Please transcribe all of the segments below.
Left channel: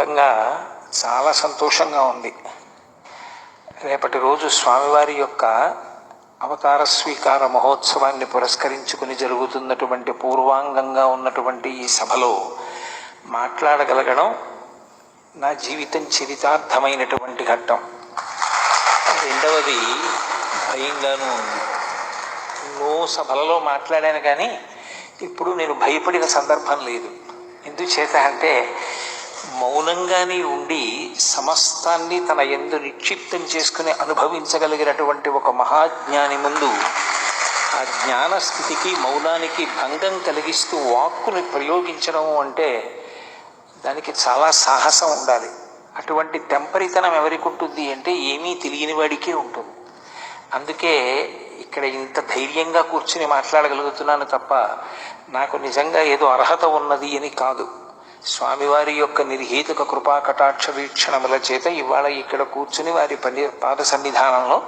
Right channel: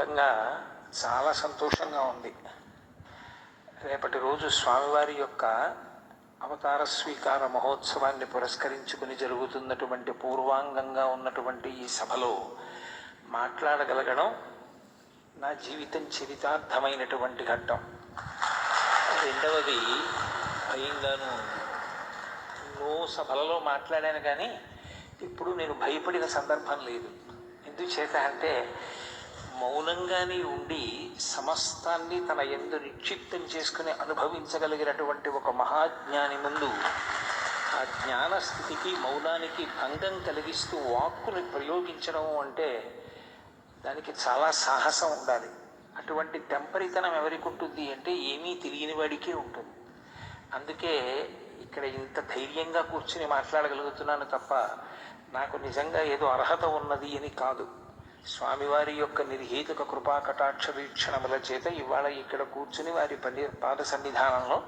రకంగా చాలా సంతోషంగా ఉంది. రేపటి రోజు స్వామివారి యొక్క అవతార స్వీకార మహోత్సవాన్ని పురస్కరించుకుని జరుగుతున్నటువంటి పూర్వాంగంగా ఉన్నటువంటి ఈ సభలో మాట్లాడగలగడం నా జీవితం చరితార్థమైనటువంటి ఘట్టం. రెండవది భయంగానూ ఉంది. ఎన్నో సభలలో మాట్లాడాను, కానీ ఇప్పుడు నేను భయపడిన సందర్భం లేదు. ఎందుచేత అంటే మౌనంగానే ఉండి సమస్తాన్ని తన యందు నిక్షిప్తం చేసుకుని అనుభవించగలిగినటువంటి ఒక మహాజ్ఞాని ముందు ఆ జ్ఞాన స్థితికి మౌనానికి భంగం కలిగిస్తూ వాక్కుని ప్రయోగించడం అంటే దానికి చాలా సాహసం ఉండాలి. అటువంటి తెంపరితనం ఎవరికి ఉంటుంది అంటే ఏమీ తెలియని వాడికే ఉంటుంది. అందుకే ఇక్కడ ఇంత ధైర్యంగా కూర్చుని మాట్లాడగలుగుతున్నాను తప్ప నాకు నిజంగా ఏదో అర్హత ఉన్నది అని కాదు. స్వామివారి యొక్క నిర్హేతుక కృపా కటాక్ష వీక్షణముల చేత ఇవాళ ఇక్కడ కూర్చుని వారి పాద సన్నిధానంలో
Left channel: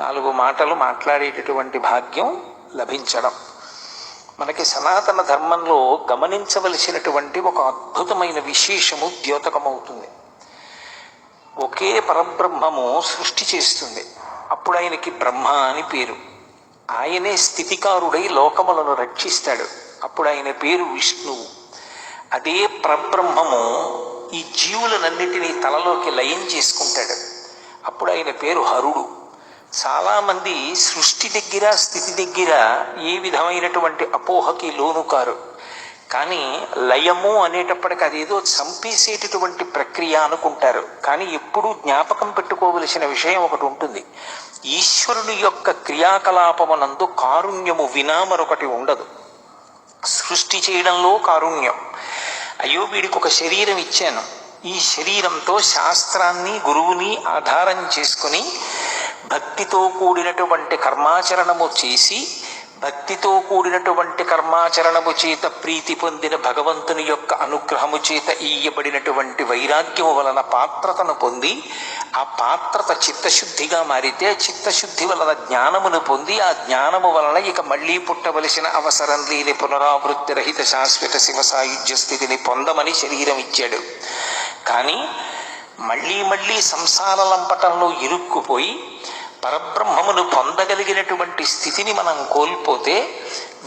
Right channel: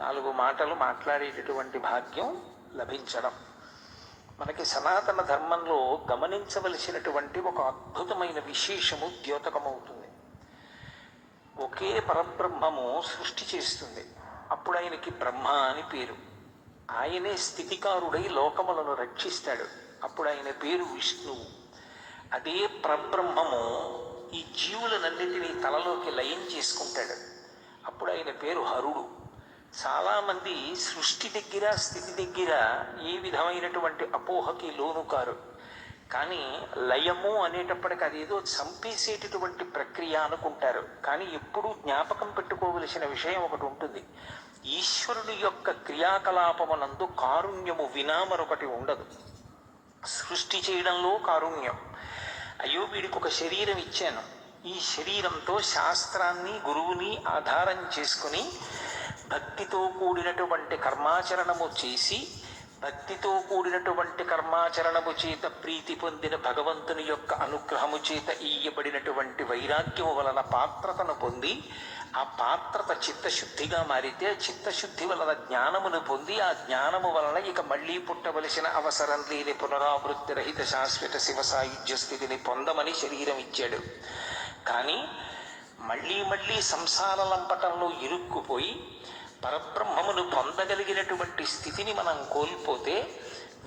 4 మాటలు మాట్లాడేటటువంటి భాగ్యం లభించడం మనకి సనాతన ధర్మంలో గమనించవలసినటువంటి ఒక అద్భుతమైన విశేషము ద్యోతకమవుతుంది. ఒకే పరబ్రహ్మము సృష్టి చేస్తుంది. అప్పుడు ఆయనకి బ్రహ్మ అని పేరు. ఆయనే స్థితికారుడై లోకములను రక్షిస్తాడు. అప్పుడు ఆయన పేరు విష్ణువు. అదే పరబ్రహ్మము ఈ జీవులనన్నిటినీ తనలోకి లయం చేసుకుంటాడు. అప్పుడు ఆయన పేరు హరుడు. చాలామంది సృష్టి దగ్గర స్థితి దగ్గర ఏ విధమైనటువంటి అపోహకి లోను కారు. కానీ లయము అనేటప్పటికి అదేదో చంపేసేటటువంటి ప్రక్రియ అనుకుంటారు. కానీ ఎప్పుడూ జ్ఞాపకం పెట్టుకోవలసిన విషయం ఒకటి ఉంటుంది. ఈశ్వరుని యొక్క క్రియాకలాపమునందు కారుణ్యము వినా మరొకటి ఉండదు. సృష్టి చేయడంలో కారుణ్యం. అయ్యో వీడికి ఒక శరీరం ఇచ్చాను, ఈ శరీరంతో శాస్త్రాన్ని గురువుని ఆధారం చేసుకుని భక్తితో కూడినటువంటి కర్మాచరణము చేసి భక్తితో కూడినటువంటి కర్మాచరణము చేత ప్రీతి పొందిన భగవంతుని యొక్క అనుగ్రహము చేత ఇయ్యబడినటువంటి వైరాగ్యము వలన పాత్రతను పొంది ఆ పాత్రత చిత్తశుద్ధిగా మారితే చిత్తశుద్ధి వలన జ్ఞానమును పొంది ఆ జ్ఞానము వలన ఇక మళ్ళీ పుట్టవలసిన అవసరం లేని పునరావృత్తి రహిత శాశ్వత శివ సాయుధ్య స్థితిని పొందమని శరీరం ఇచ్చాడు. కానీ మళ్ళీ మళ్ళీ సంసార లంపటంలో ఇరుక్కుపోయి పరబ్రహ్మమును పొందగలిగినటువంటి స్థితిని మనం కోల్పోతే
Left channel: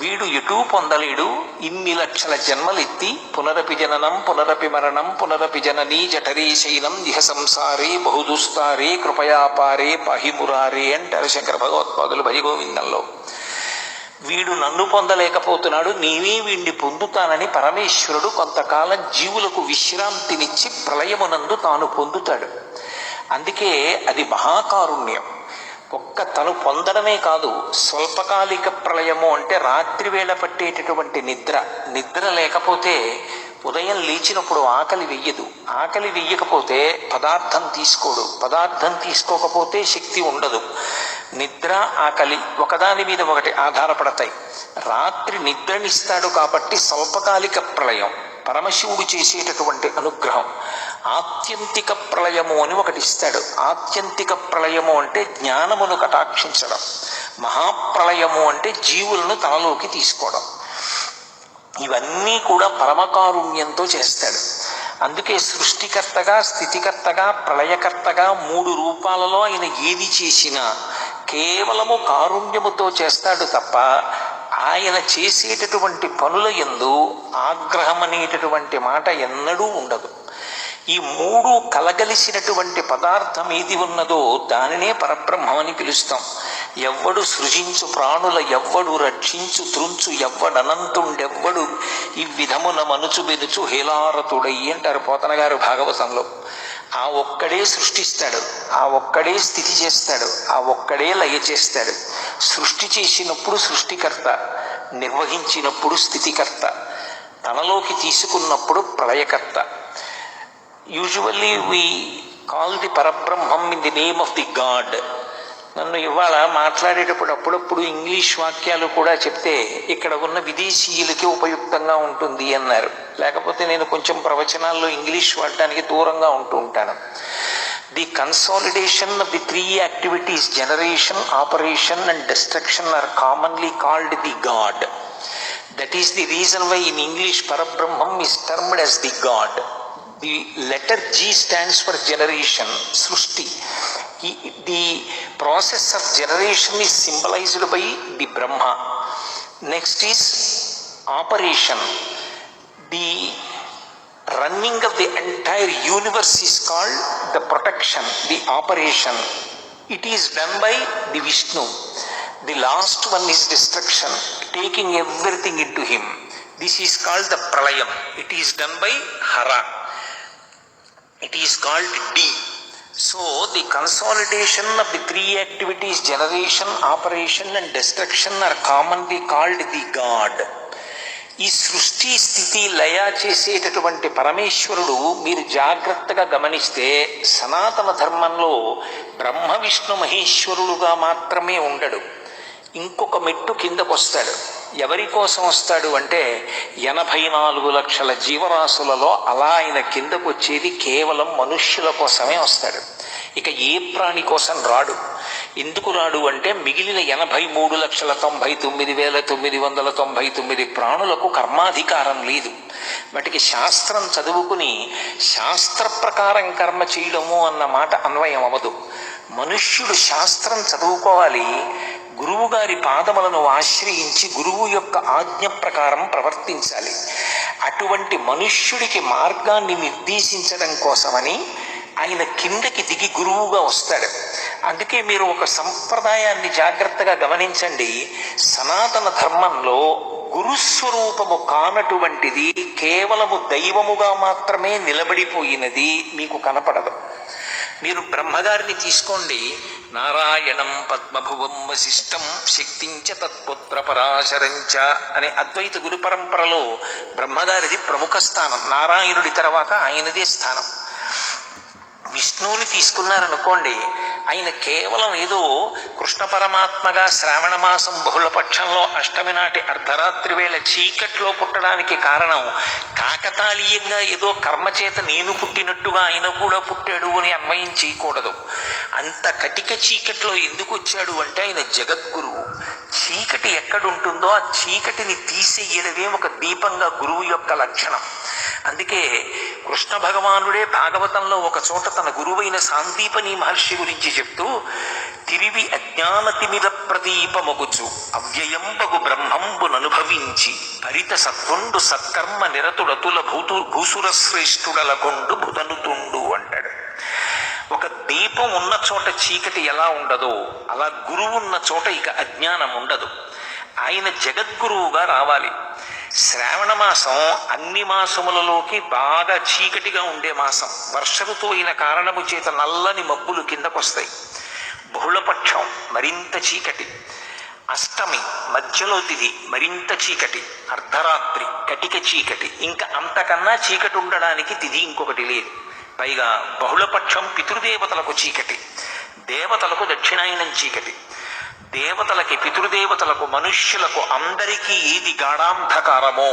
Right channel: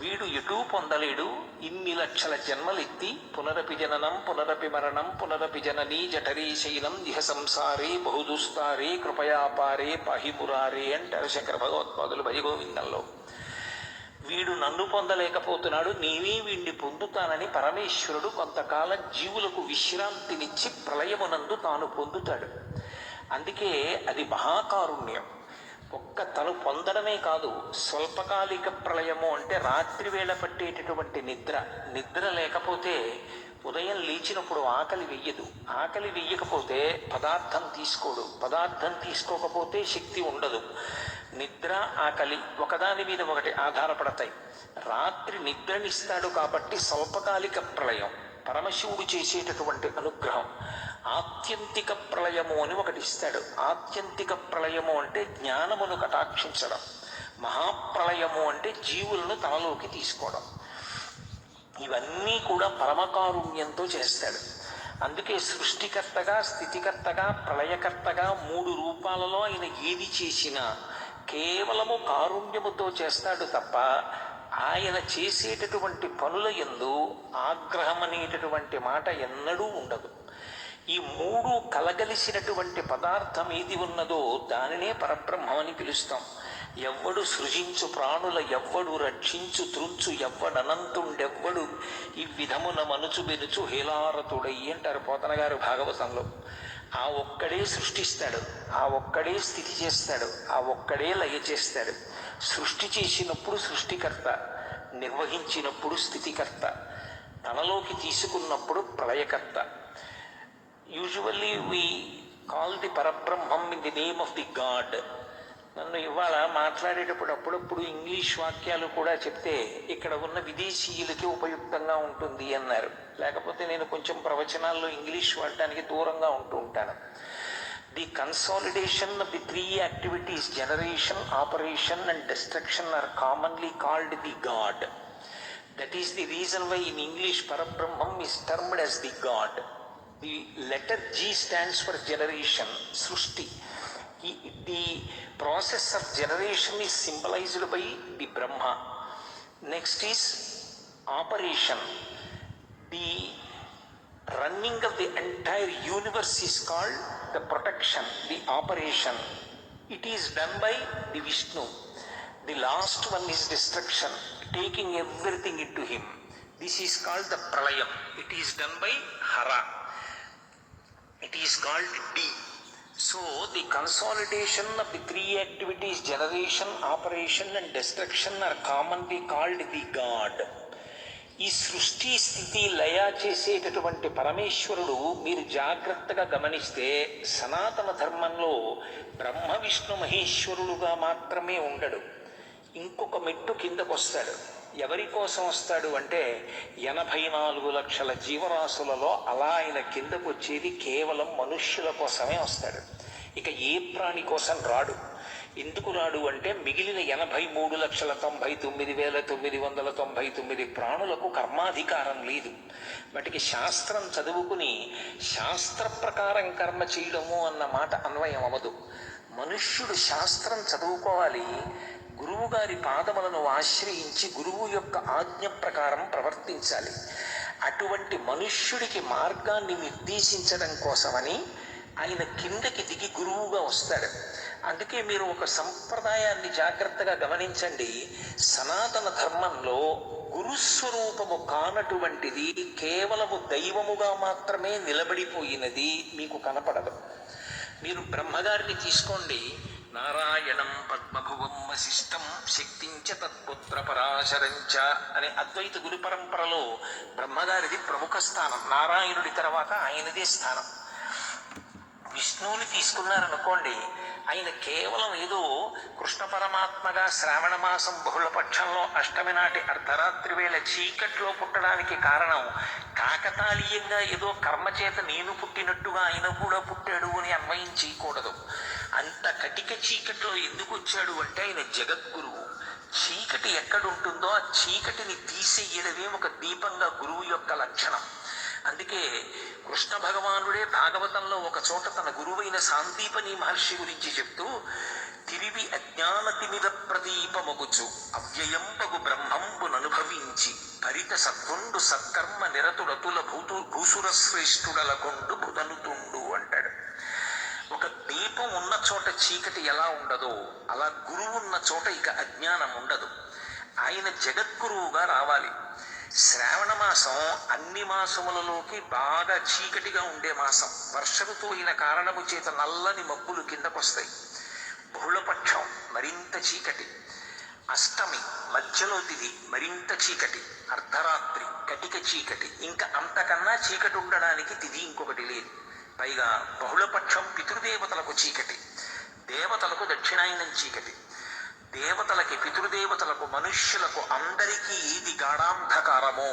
వీడు ఎటూ పొందలేడు. ఇన్ని లక్షల జన్మలెత్తి పునరపి జననం పునరపి మరణం పునరపి జననీ జఠరే శైలం ఇహ సంసారే బహుదుస్తారే కృపయాపారే పాహిమురారే అంటారు శంకర భగవత్పాదులు భజగోవిందంలో. వీడు నన్ను పొందలేకపోతున్నాడు, నీవే వీడిని పొందుతానని పరమేశ్వరుడు కొంతకాలం జీవులకు విశ్రాంతినిచ్చి ప్రళయమునందు తాను పొందుతాడు. అందుకే అది మహాకారుణ్యం. ఒక్క తను పొందడమే కాదు, స్వల్పకాలిక ప్రళయము అంటే రాత్రి వేళ పట్టేటటువంటి నిద్ర లేకపోతే ఉదయం లేచినప్పుడు ఆకలి వెయ్యదు. ఆకలి వెయ్యకపోతే పదార్థం తీసుకోడు. పదార్థం తీసుకోకపోతే శక్తి ఉండదు. నిద్ర ఆకలి ఒకదాని మీద ఒకటి ఆధారపడతాయి. రాత్రి నిద్రనిస్తాడు కాబట్టి స్వల్పకాలిక ప్రళయం పరమశివుడు చేసేటటువంటి అనుగ్రహం. ఆత్యంతిక ప్రళయము అని ఒకటి ఇస్తాడు. ఆత్యంతిక ప్రళయము అంటే జ్ఞానమును కటాక్షించడం. మహాప్రళయము అంటే జీవులను తనలోకి తీసుకోవడం. ఇవన్నీ కూడా పరమకారుణ్యంతో చేస్తాడు. అందుకే సృష్టికర్తగా స్థితికర్తగా ప్రళయకర్తగా 3 రూపాలలో ఆయన ఏది చేసినా కేవలము కారుణ్యముతో చేస్తాడు తప్ప ఆయన చేసేటటువంటి పనుల యందు ఆగ్రహం అనేటటువంటి మాట ఎన్నడూ ఉండదు. ఈ 3 కలగలిసినటువంటి పదార్థం ఏది ఉన్నదో దానినే పరబ్రహ్మం అని పిలుస్తాం. ఎవ్వడు సృజించు ప్రాణుల ఎవ్వడు రక్షించు త్రుంచు ఎవ్వడనంతుండెవ్వడు ఈ విధమున మనుచు బెనుచు హేలారతుడై అంటారు పోతన గారు భాగవతంలో. ఆ ఒక్కడే సృష్టిస్తాడు, ఆ ఒక్కడే స్థితి చేస్తాడు, ఆ ఒక్కడే లయ చేస్తాడు. సృష్టి చేసినప్పుడు సృష్టికర్త, నిర్వహించినప్పుడు స్థితికర్త, తనలోకి తీసుకున్నప్పుడు ప్రళయకర్త. Usually we call the Parabrahmam in the name of the God. నన్ను ఇవాళ మాట్లాడేటప్పుడు అప్పుడప్పుడు ఇంగ్లీష్ వాక్యాలు కూడా చెప్తే ఇక్కడ ఉన్న విదేశీయులకి ఉపయుక్తంగా ఉంటుంది అన్నారు. లేకపోతే నేను కొంచెం ప్రవచనాల్లో ఇంగ్లీష్ వాడటానికి దూరంగా ఉంటూ ఉంటాను. The consolidation of the 3 activities generation, operation and destruction are commonly called the God. That is the reason why in English Parabrahmam is termed as the God. The letter G stands for generation, సృష్టి. The process of generation is symbolized by the Brahma. Next is operation. The running of the entire universe is called the protection, the operation. It is done by the Vishnu. The last one is destruction, taking everything into him. This is called the pralayam. It is done by Hara. It is called D. So the consolidation of the three activities, generation, operation and destruction, are commonly called the God. ఈ సృష్టి స్థితి లయ చేసేటటువంటి పరమేశ్వరుడు మీరు జాగ్రత్తగా గమనిస్తే సనాతన ధర్మంలో బ్రహ్మ విష్ణు మహేశ్వరుడుగా మాత్రమే ఉండడు. ఇంకొక మెట్టు కిందకు వస్తాడు. ఎవరి కోసం వస్తాడు అంటే 84 లక్షల జీవరాశులలో అలా ఆయన కిందకు వచ్చేది కేవలం మనుష్యుల కోసమే వస్తాడు. ఇక ఏ ప్రాణి కోసం రాడు. ఎందుకు రాడు అంటే మిగిలిన 83,99,999 ప్రాణులకు కర్మాధికారం లేదు. వాటికి శాస్త్రం చదువుకుని శాస్త్ర ప్రకారం కర్మ చేయడము అన్న మాట అన్వయం అవ్వదు. మనుష్యుడు శాస్త్రం చదువుకోవాలి, గురువు గారి పాదములను ఆశ్రయించి గురువు యొక్క ఆజ్ఞ ప్రకారం ప్రవర్తించాలి. అటువంటి మనుష్యుడికి మార్గాన్ని నిర్దేశించడం కోసమని ఆయన కిందకి దిగి గురువుగా వస్తాడు. అందుకే మీరు ఒక సంప్రదాయాన్ని జాగ్రత్తగా గమనించండి. సనాతన ధర్మంలో గురుస్వరూపము కానటువంటిది కేవలము దైవముగా మాత్రమే నిలబడిపోయినది మీకు కనపడదు. మీరు బ్రహ్మగారిని తీసుకోండి. నారాయణం పద్మభువం వశిష్టం శక్తించ తత్పుత్ర పరాశరంచ అనే అద్వైత గురు పరంపరలో బ్రహ్మగారిది ప్రముఖ స్థానం. నారాయణుడి తర్వాత ఆయనదే స్థానం. విష్ణువుని తీసుకున్నారనుకోండి, ఆయన కేవలం ఏదో కృష్ణ పరమాత్మగా శ్రావణ మాసం బహుళపక్షంలో అష్టమి నాటి అర్ధరాత్రి వేళ చీకట్లో పుట్టడానికి కారణం కాకతాళీయంగా ఏదో కర్మచేత నేను పుట్టినట్టుగా ఆయన కూడా పుట్టాడు అని అన్వయం చేయకూడదు. అంత కటిక చీకట్లో ఎందుకు వచ్చాడు అంటే ఆయన జగద్గురువు. చీకటి ఎక్కడుంటుందో ఆ చీకటిని తీసేయడమే ఒక దీపంగా గురువు యొక్క లక్షణం. అందుకే కృష్ణ భగవానుడే భాగవతంలో ఒక చోట తన గురువైన సాందీపని మహర్షి గురించి చెప్తూ, తిరివి అజ్ఞానతిమిర ప్రదీపమగుచు అవ్యయంబగు బ్రహ్మంబుననుభవించి భరిత సత్వండు సత్కర్మ నిరతుడతుల భూసుర శ్రేష్ఠుడలకొండు బుధనుతుండు అంటాడు. ఒక దీపం ఉన్న చోట చీకటి ఎలా ఉండదో అలా గురువు ఉన్న చోట ఇక అజ్ఞానం ఉండదు. ఆయన జగద్గురువుగా రావాలి. శ్రావణ మాసం అన్ని మాసములలోకి బాగా చీకటిగా ఉండే మాసం. వర్ష ఋతువు అయిన కారణము చేత నల్లని మబ్బులు కిందకొస్తాయి. బహుళపక్షం మరింత చీకటి. అష్టమి మధ్యలో తిథి మరింత చీకటి. అర్ధరాత్రి కటిక చీకటి. ఇంకా అంతకన్నా చీకటి ఉండడానికి తిథి ఇంకొకటి లేదు. పైగా బహుళపక్షం పితృదేవతలకు చీకటి, దేవతలకు దక్షిణాయనం చీకటి. దేవతలకి, పితృదేవతలకు, మనుష్యులకు అందరికీ ఏది గాఢాంధకారమో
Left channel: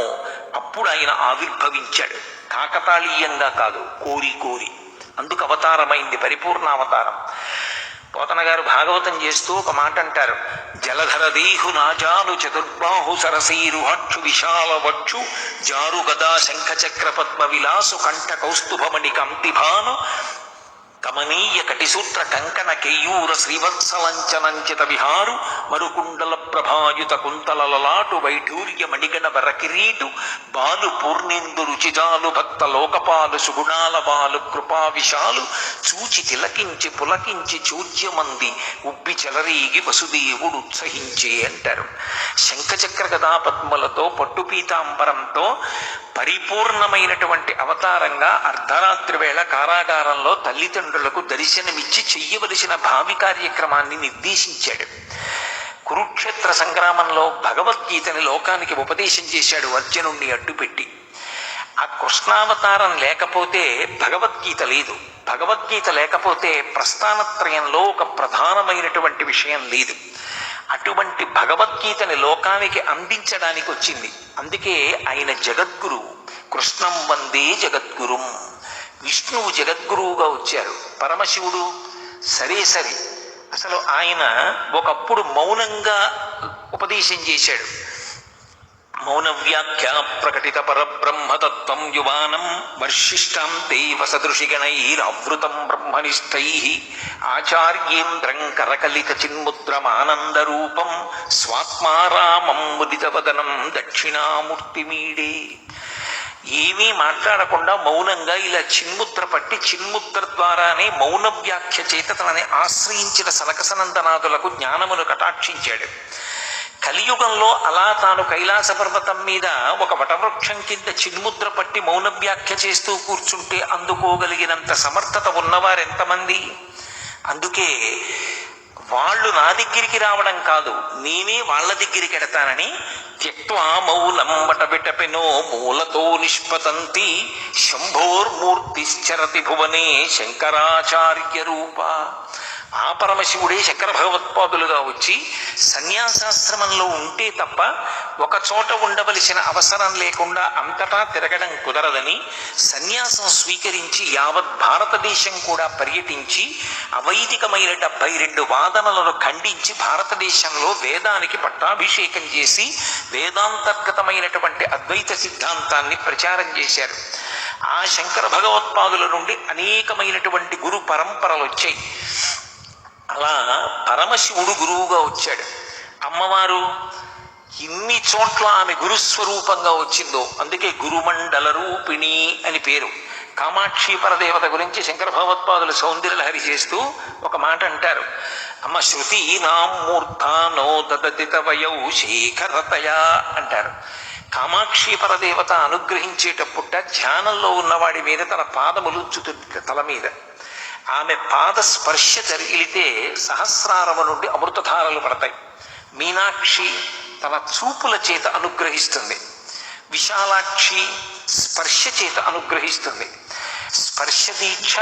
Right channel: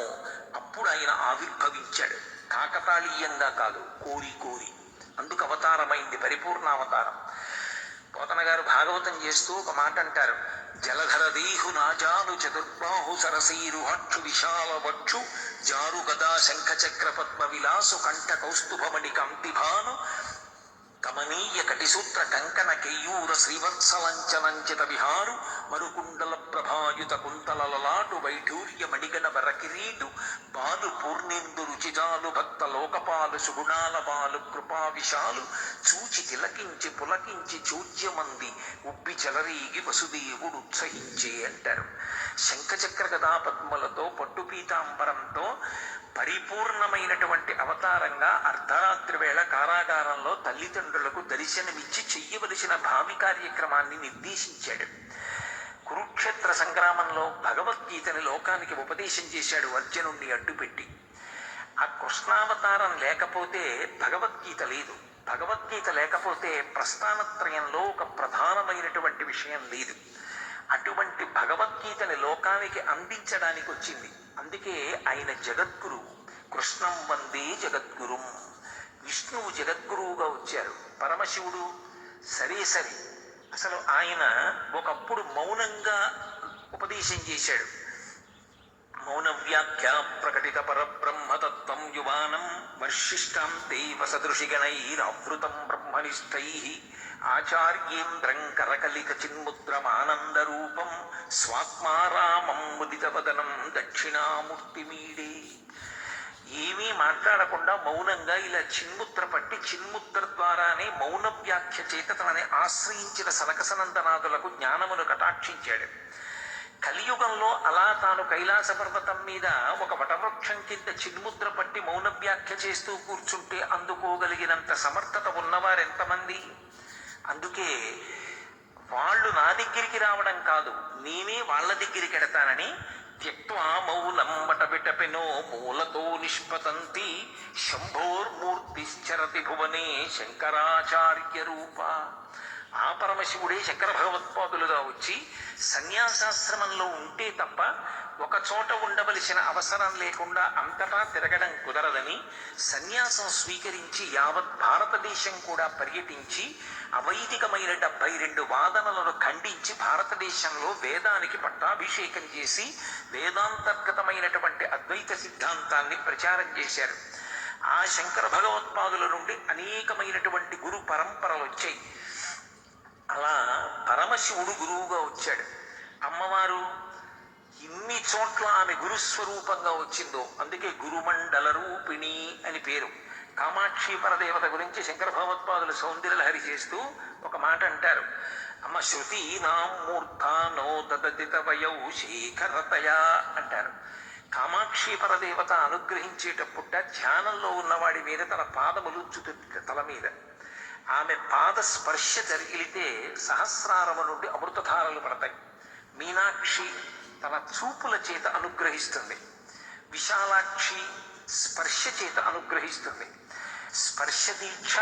అప్పుడు ఆయన ఆవిర్భవించాడు. కాకతాళీయంగా కాదు, కోరి కోరి. అందుకు అవతారమైంది పరిపూర్ణ అవతారం. పోతన గారు భాగవతం చేస్తూ ఒక మాట అంటారు. జలధర దేహు నాజాలు చతుర్బాహు సరసీరుహక్షు విశాల వక్షు జారు గదా శంఖ చక్ర పద్మ విలాసు కంఠ కౌస్తుభమణి కంతిభాను కమనీయ కటిసూత్ర కంకణ కేయూర శ్రీవత్సలంచనంచిత విహారు మరుకుండల ప్రభాయుత కుంతలలాటు వైఢూర్య మణిగణ వరకిరీటు బాలు పూర్ణేందు రుచిజాలు భక్త లోకపాలు సుగుణాల బాలు కృపా విశాలు చూచి తిలకించి పులకించి చూర్యమంది ఉబ్బి చెలరీగి వసుదేవుడు ఉత్సహించే అంటారు. శంఖచక్ర గదా పద్మలతో పట్టుపీతాంబరంతో పరిపూర్ణమైనటువంటి అవతారంగా అర్ధరాత్రి వేళ కారాగారంలో తల్లిదండ్రులకు దర్శనమిచ్చి చెయ్యవలసిన భావి కార్యక్రమాన్ని నిర్దేశించాడు. కురుక్షేత్ర సంగ్రామంలో భగవద్గీతని లోకానికి ఉపదేశం చేశాడు అర్జునుణ్ణి అడ్డుపెట్టి. ఆ కృష్ణావతారం లేకపోతే భగవద్గీత లేదు. భగవద్గీత లేకపోతే ప్రస్థానత్రయంలో ఒక ప్రధానమైనటువంటి విషయం లేదు. అటువంటి భగవద్గీతని లోకానికి అందించడానికి వచ్చింది. అందుకే ఆయన జగద్గురువు. కృష్ణం వందే జగద్గురుం. విష్ణువు జగద్గురువుగా వచ్చారు. పరమశివుడు సరే. అసలు ఆయన ఒకప్పుడు మౌనంగా ఉపదేశం చేశాడు. మౌన వ్యాఖ్యా ప్రకటిత పరబ్రహ్మతత్వం యువానం వర్షిష్టాం దేవ సదృశిగణైరావృతం బ్రహ్మనిష్టై ఆచార్యేంద్రం కరకలిత చిన్ముద్రమానందరూపం స్వాత్మారామం ముదితవదనం దక్షిణామూర్తిమీడే. ఏమీ మాట్లాడకుండా మౌనంగా ఇలా చిన్ముద్ర పట్టి చిన్ముద్ర ద్వారానే మౌన వ్యాఖ్య చేత తనని ఆశ్రయించిన సనకసనందనాదులకు జ్ఞానమును కటాక్షించాడు. కలియుగంలో అలా తాను కైలాస పర్వతం మీద ఒక వటవృక్షం కింద చిన్ముద్ర పట్టి మౌన వ్యాఖ్య చేస్తూ కూర్చుంటే అందుకోగలిగినంత సమర్థత ఉన్నవారెంతమంది? అందుకే వాళ్ళు నా దగ్గరికి రావడం కాదు, నేనే వాళ్ళ దగ్గరికి ఎడతానని త్యక్వా మౌలం వటవిటపెనో మూలతో నిష్పతంతి శంభోర్మూర్తిశ్చరతి భువనే శంకరాచార్య రూప. ఆ పరమశివుడే శంకర భగవత్పాదులుగా వచ్చి సన్యాసాశ్రమంలో ఉంటే తప్ప ఒక చోట ఉండవలసిన అవసరం లేకుండా అంతటా తిరగడం కుదరదని సన్యాసం స్వీకరించి యావత్ భారతదేశం కూడా పర్యటించి అవైదికమైన 72 వాదనలను ఖండించి భారతదేశంలో వేదానికి పట్టాభిషేకం చేసి వేదాంతర్గతమైనటువంటి అద్వైత సిద్ధాంతాన్ని ప్రచారం చేశారు. ఆ శంకర భగవత్పాదుల నుండి అనేకమైనటువంటి గురు పరంపరలు వచ్చాయి. అలా పరమశివుడు గురువుగా వచ్చాడు. అమ్మవారు ఇన్ని చోట్ల ఆమె గురుస్వరూపంగా వచ్చిందో అందుకే గురుమండల రూపిణి అని పేరు. కామాక్షి పరదేవత గురించి శంకర భగవత్పాదులు సౌందర్యలహరి చేస్తూ ఒక మాట అంటారు. అమ్మ శృతి నామూర్ధానో దదతిత వయౌ శేఖరతయా అంటారు. కామాక్షి పరదేవత అనుగ్రహించేటప్పుట ధ్యానంలో ఉన్నవాడి మీద తన పాదములు ఉంచుతుంది తల మీద. ఆమె పాద స్పర్శ జరిగితే సహస్రారము నుండి అమృతధారలు పడతాయి. మీనాక్షి తన చూపుల చేత అనుగ్రహిస్తుంది. విశాలాక్షి స్పర్శ చేత అనుగ్రహిస్తుంది. స్పర్శ దీక్ష,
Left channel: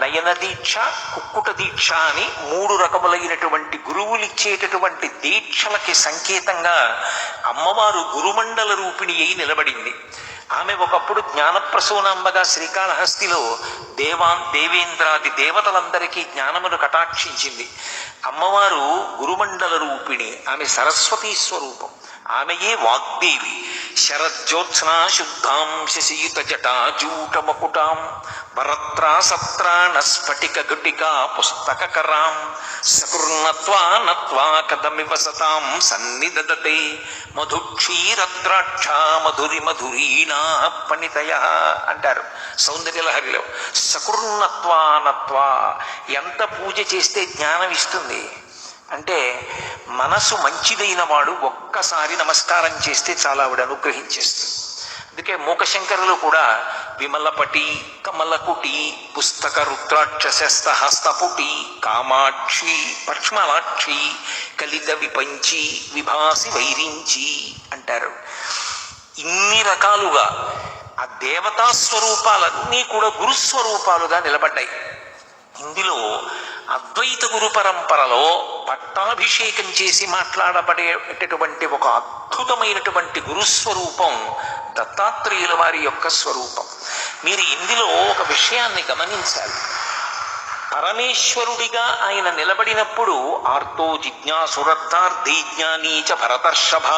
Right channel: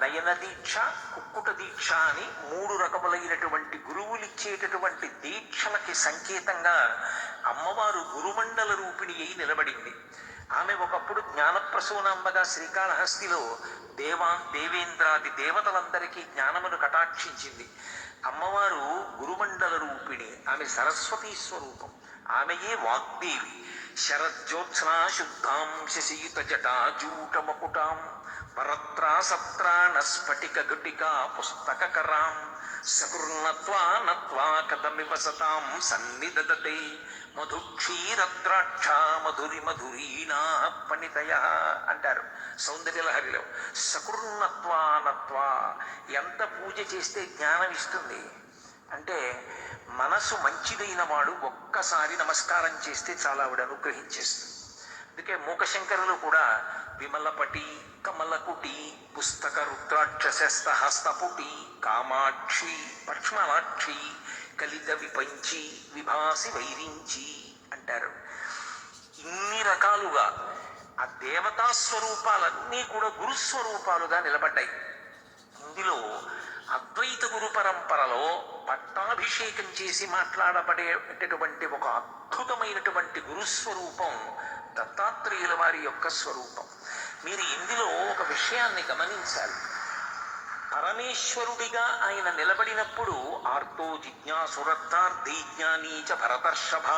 నయన దీక్ష, కుక్కుట దీక్ష అని 3 రకములైనటువంటి గురువులిచ్చేటటువంటి దీక్షలకి సంకేతంగా అమ్మవారు గురుమండల రూపిణి అయి నిలబడింది. ఆమె ఒకప్పుడు జ్ఞానప్రసూనాంబగా శ్రీకాళహస్తిలో దేవేంద్రాది దేవతలందరికీ జ్ఞానమును కటాక్షించింది. అమ్మవారు గురుమండల రూపిణి, ఆమె సరస్వతీ స్వరూపం, ఆమెయే వాగ్దేవి. శరజ్యోత్స్నా శుద్ధాం శశియుత జటాజూటమకుటాం వరత్రా సత్రాణ స్ఫటిక గుటికా పుస్తకరాం సకృన్నత్వా నత్వా కదమివ సతాం సన్నిదదతే మధుక్షీరద్రాక్ష మధురి మధురీనా పణితయ అంటారు సౌందర్యలహరిలో. సకృన్నత్వా నత్వా, ఎంత పూజ చేస్తే జ్ఞానం ఇస్తుంది అంటే మనసు మంచిదైన వాడు ఒక్కసారి నమస్కారం చేస్తే చాలా ఆవిడ అనుగ్రహించేస్తుంది. అందుకే మూకశంకరులు కూడా విమలపటి కమలకుటి పుస్తక రుద్రాక్షస్త హస్తపుటి కామాక్షి పక్ష్మలాక్షి కలిత విపంచి విభాసి వైరించి అంటారు. ఇన్ని రకాలుగా ఆ దేవతా స్వరూపాలన్నీ కూడా గురుస్వరూపాలుగా నిలబడ్డాయి. ఇందులో అద్వైత గురు పరంపరలో పట్టాభిషేకం చేసి మాట్లాడబడేటటువంటి ఒక అద్భుతమైనటువంటి గురుస్వరూపం దత్తాత్రేయుల వారి యొక్క స్వరూపం. మీరు ఇందులో ఒక విషయాన్ని గమనించాలి. పరమేశ్వరుడిగా ఆయన నిలబడినప్పుడు ఆర్తో జిజ్ఞాసురర్థార్థి జ్ఞానీచ భరతర్షభ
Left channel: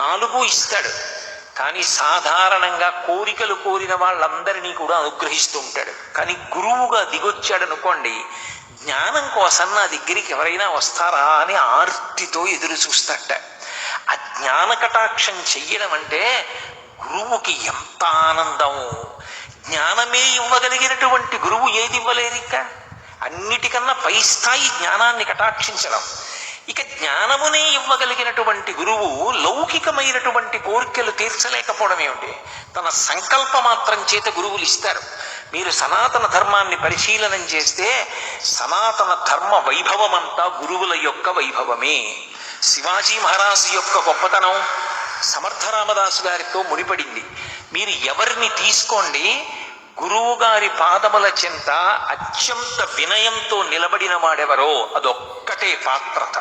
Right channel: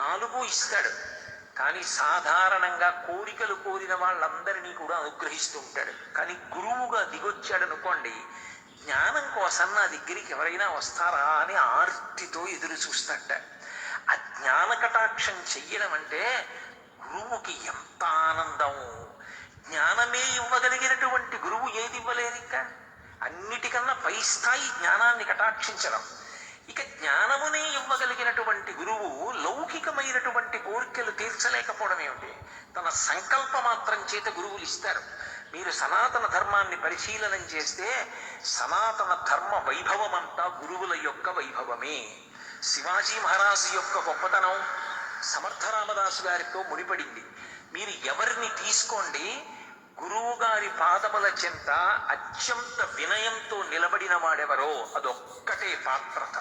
4 ఇస్తాడు. కానీ సాధారణంగా కోరికలు కోరిన వాళ్ళందరినీ కూడా అనుగ్రహిస్తూ ఉంటాడు. కానీ గురువుగా దిగొచ్చాడనుకోండి, జ్ఞానం కోసం నా దగ్గరికి ఎవరైనా వస్తారా అని ఆర్తితో ఎదురు చూస్తాట. ఆ జ్ఞాన కటాక్షం చెయ్యడం అంటే గురువుకి ఎంత ఆనందం. జ్ఞానమే ఇవ్వగలిగినటువంటి గురువు ఏది ఇవ్వలేరిక? అన్నిటికన్నా పై స్థాయి జ్ఞానాన్ని కటాక్షించడం. ఇక జ్ఞానమునే ఇవ్వగలిగినటువంటి గురువు లౌకికమైనటువంటి కోరికలు తీర్చలేకపోవడం ఏమిటి? తన సంకల్ప మాత్రం చేత గురువులు ఇస్తారు. మీరు సనాతన ధర్మాన్ని పరిశీలనం చేస్తే సనాతన ధర్మ వైభవమంతా గురువుల యొక్క వైభవమే. శివాజీ మహారాజు యొక్క గొప్పతనం సమర్థరామదాసు గారితో ముడిపడింది. మీరు ఎవరిని తీసుకోండి, గురువు గారి పాదముల చెంత అత్యంత వినయంతో నిలబడిన వాడెవరో అదొక్కటే పాత్రత.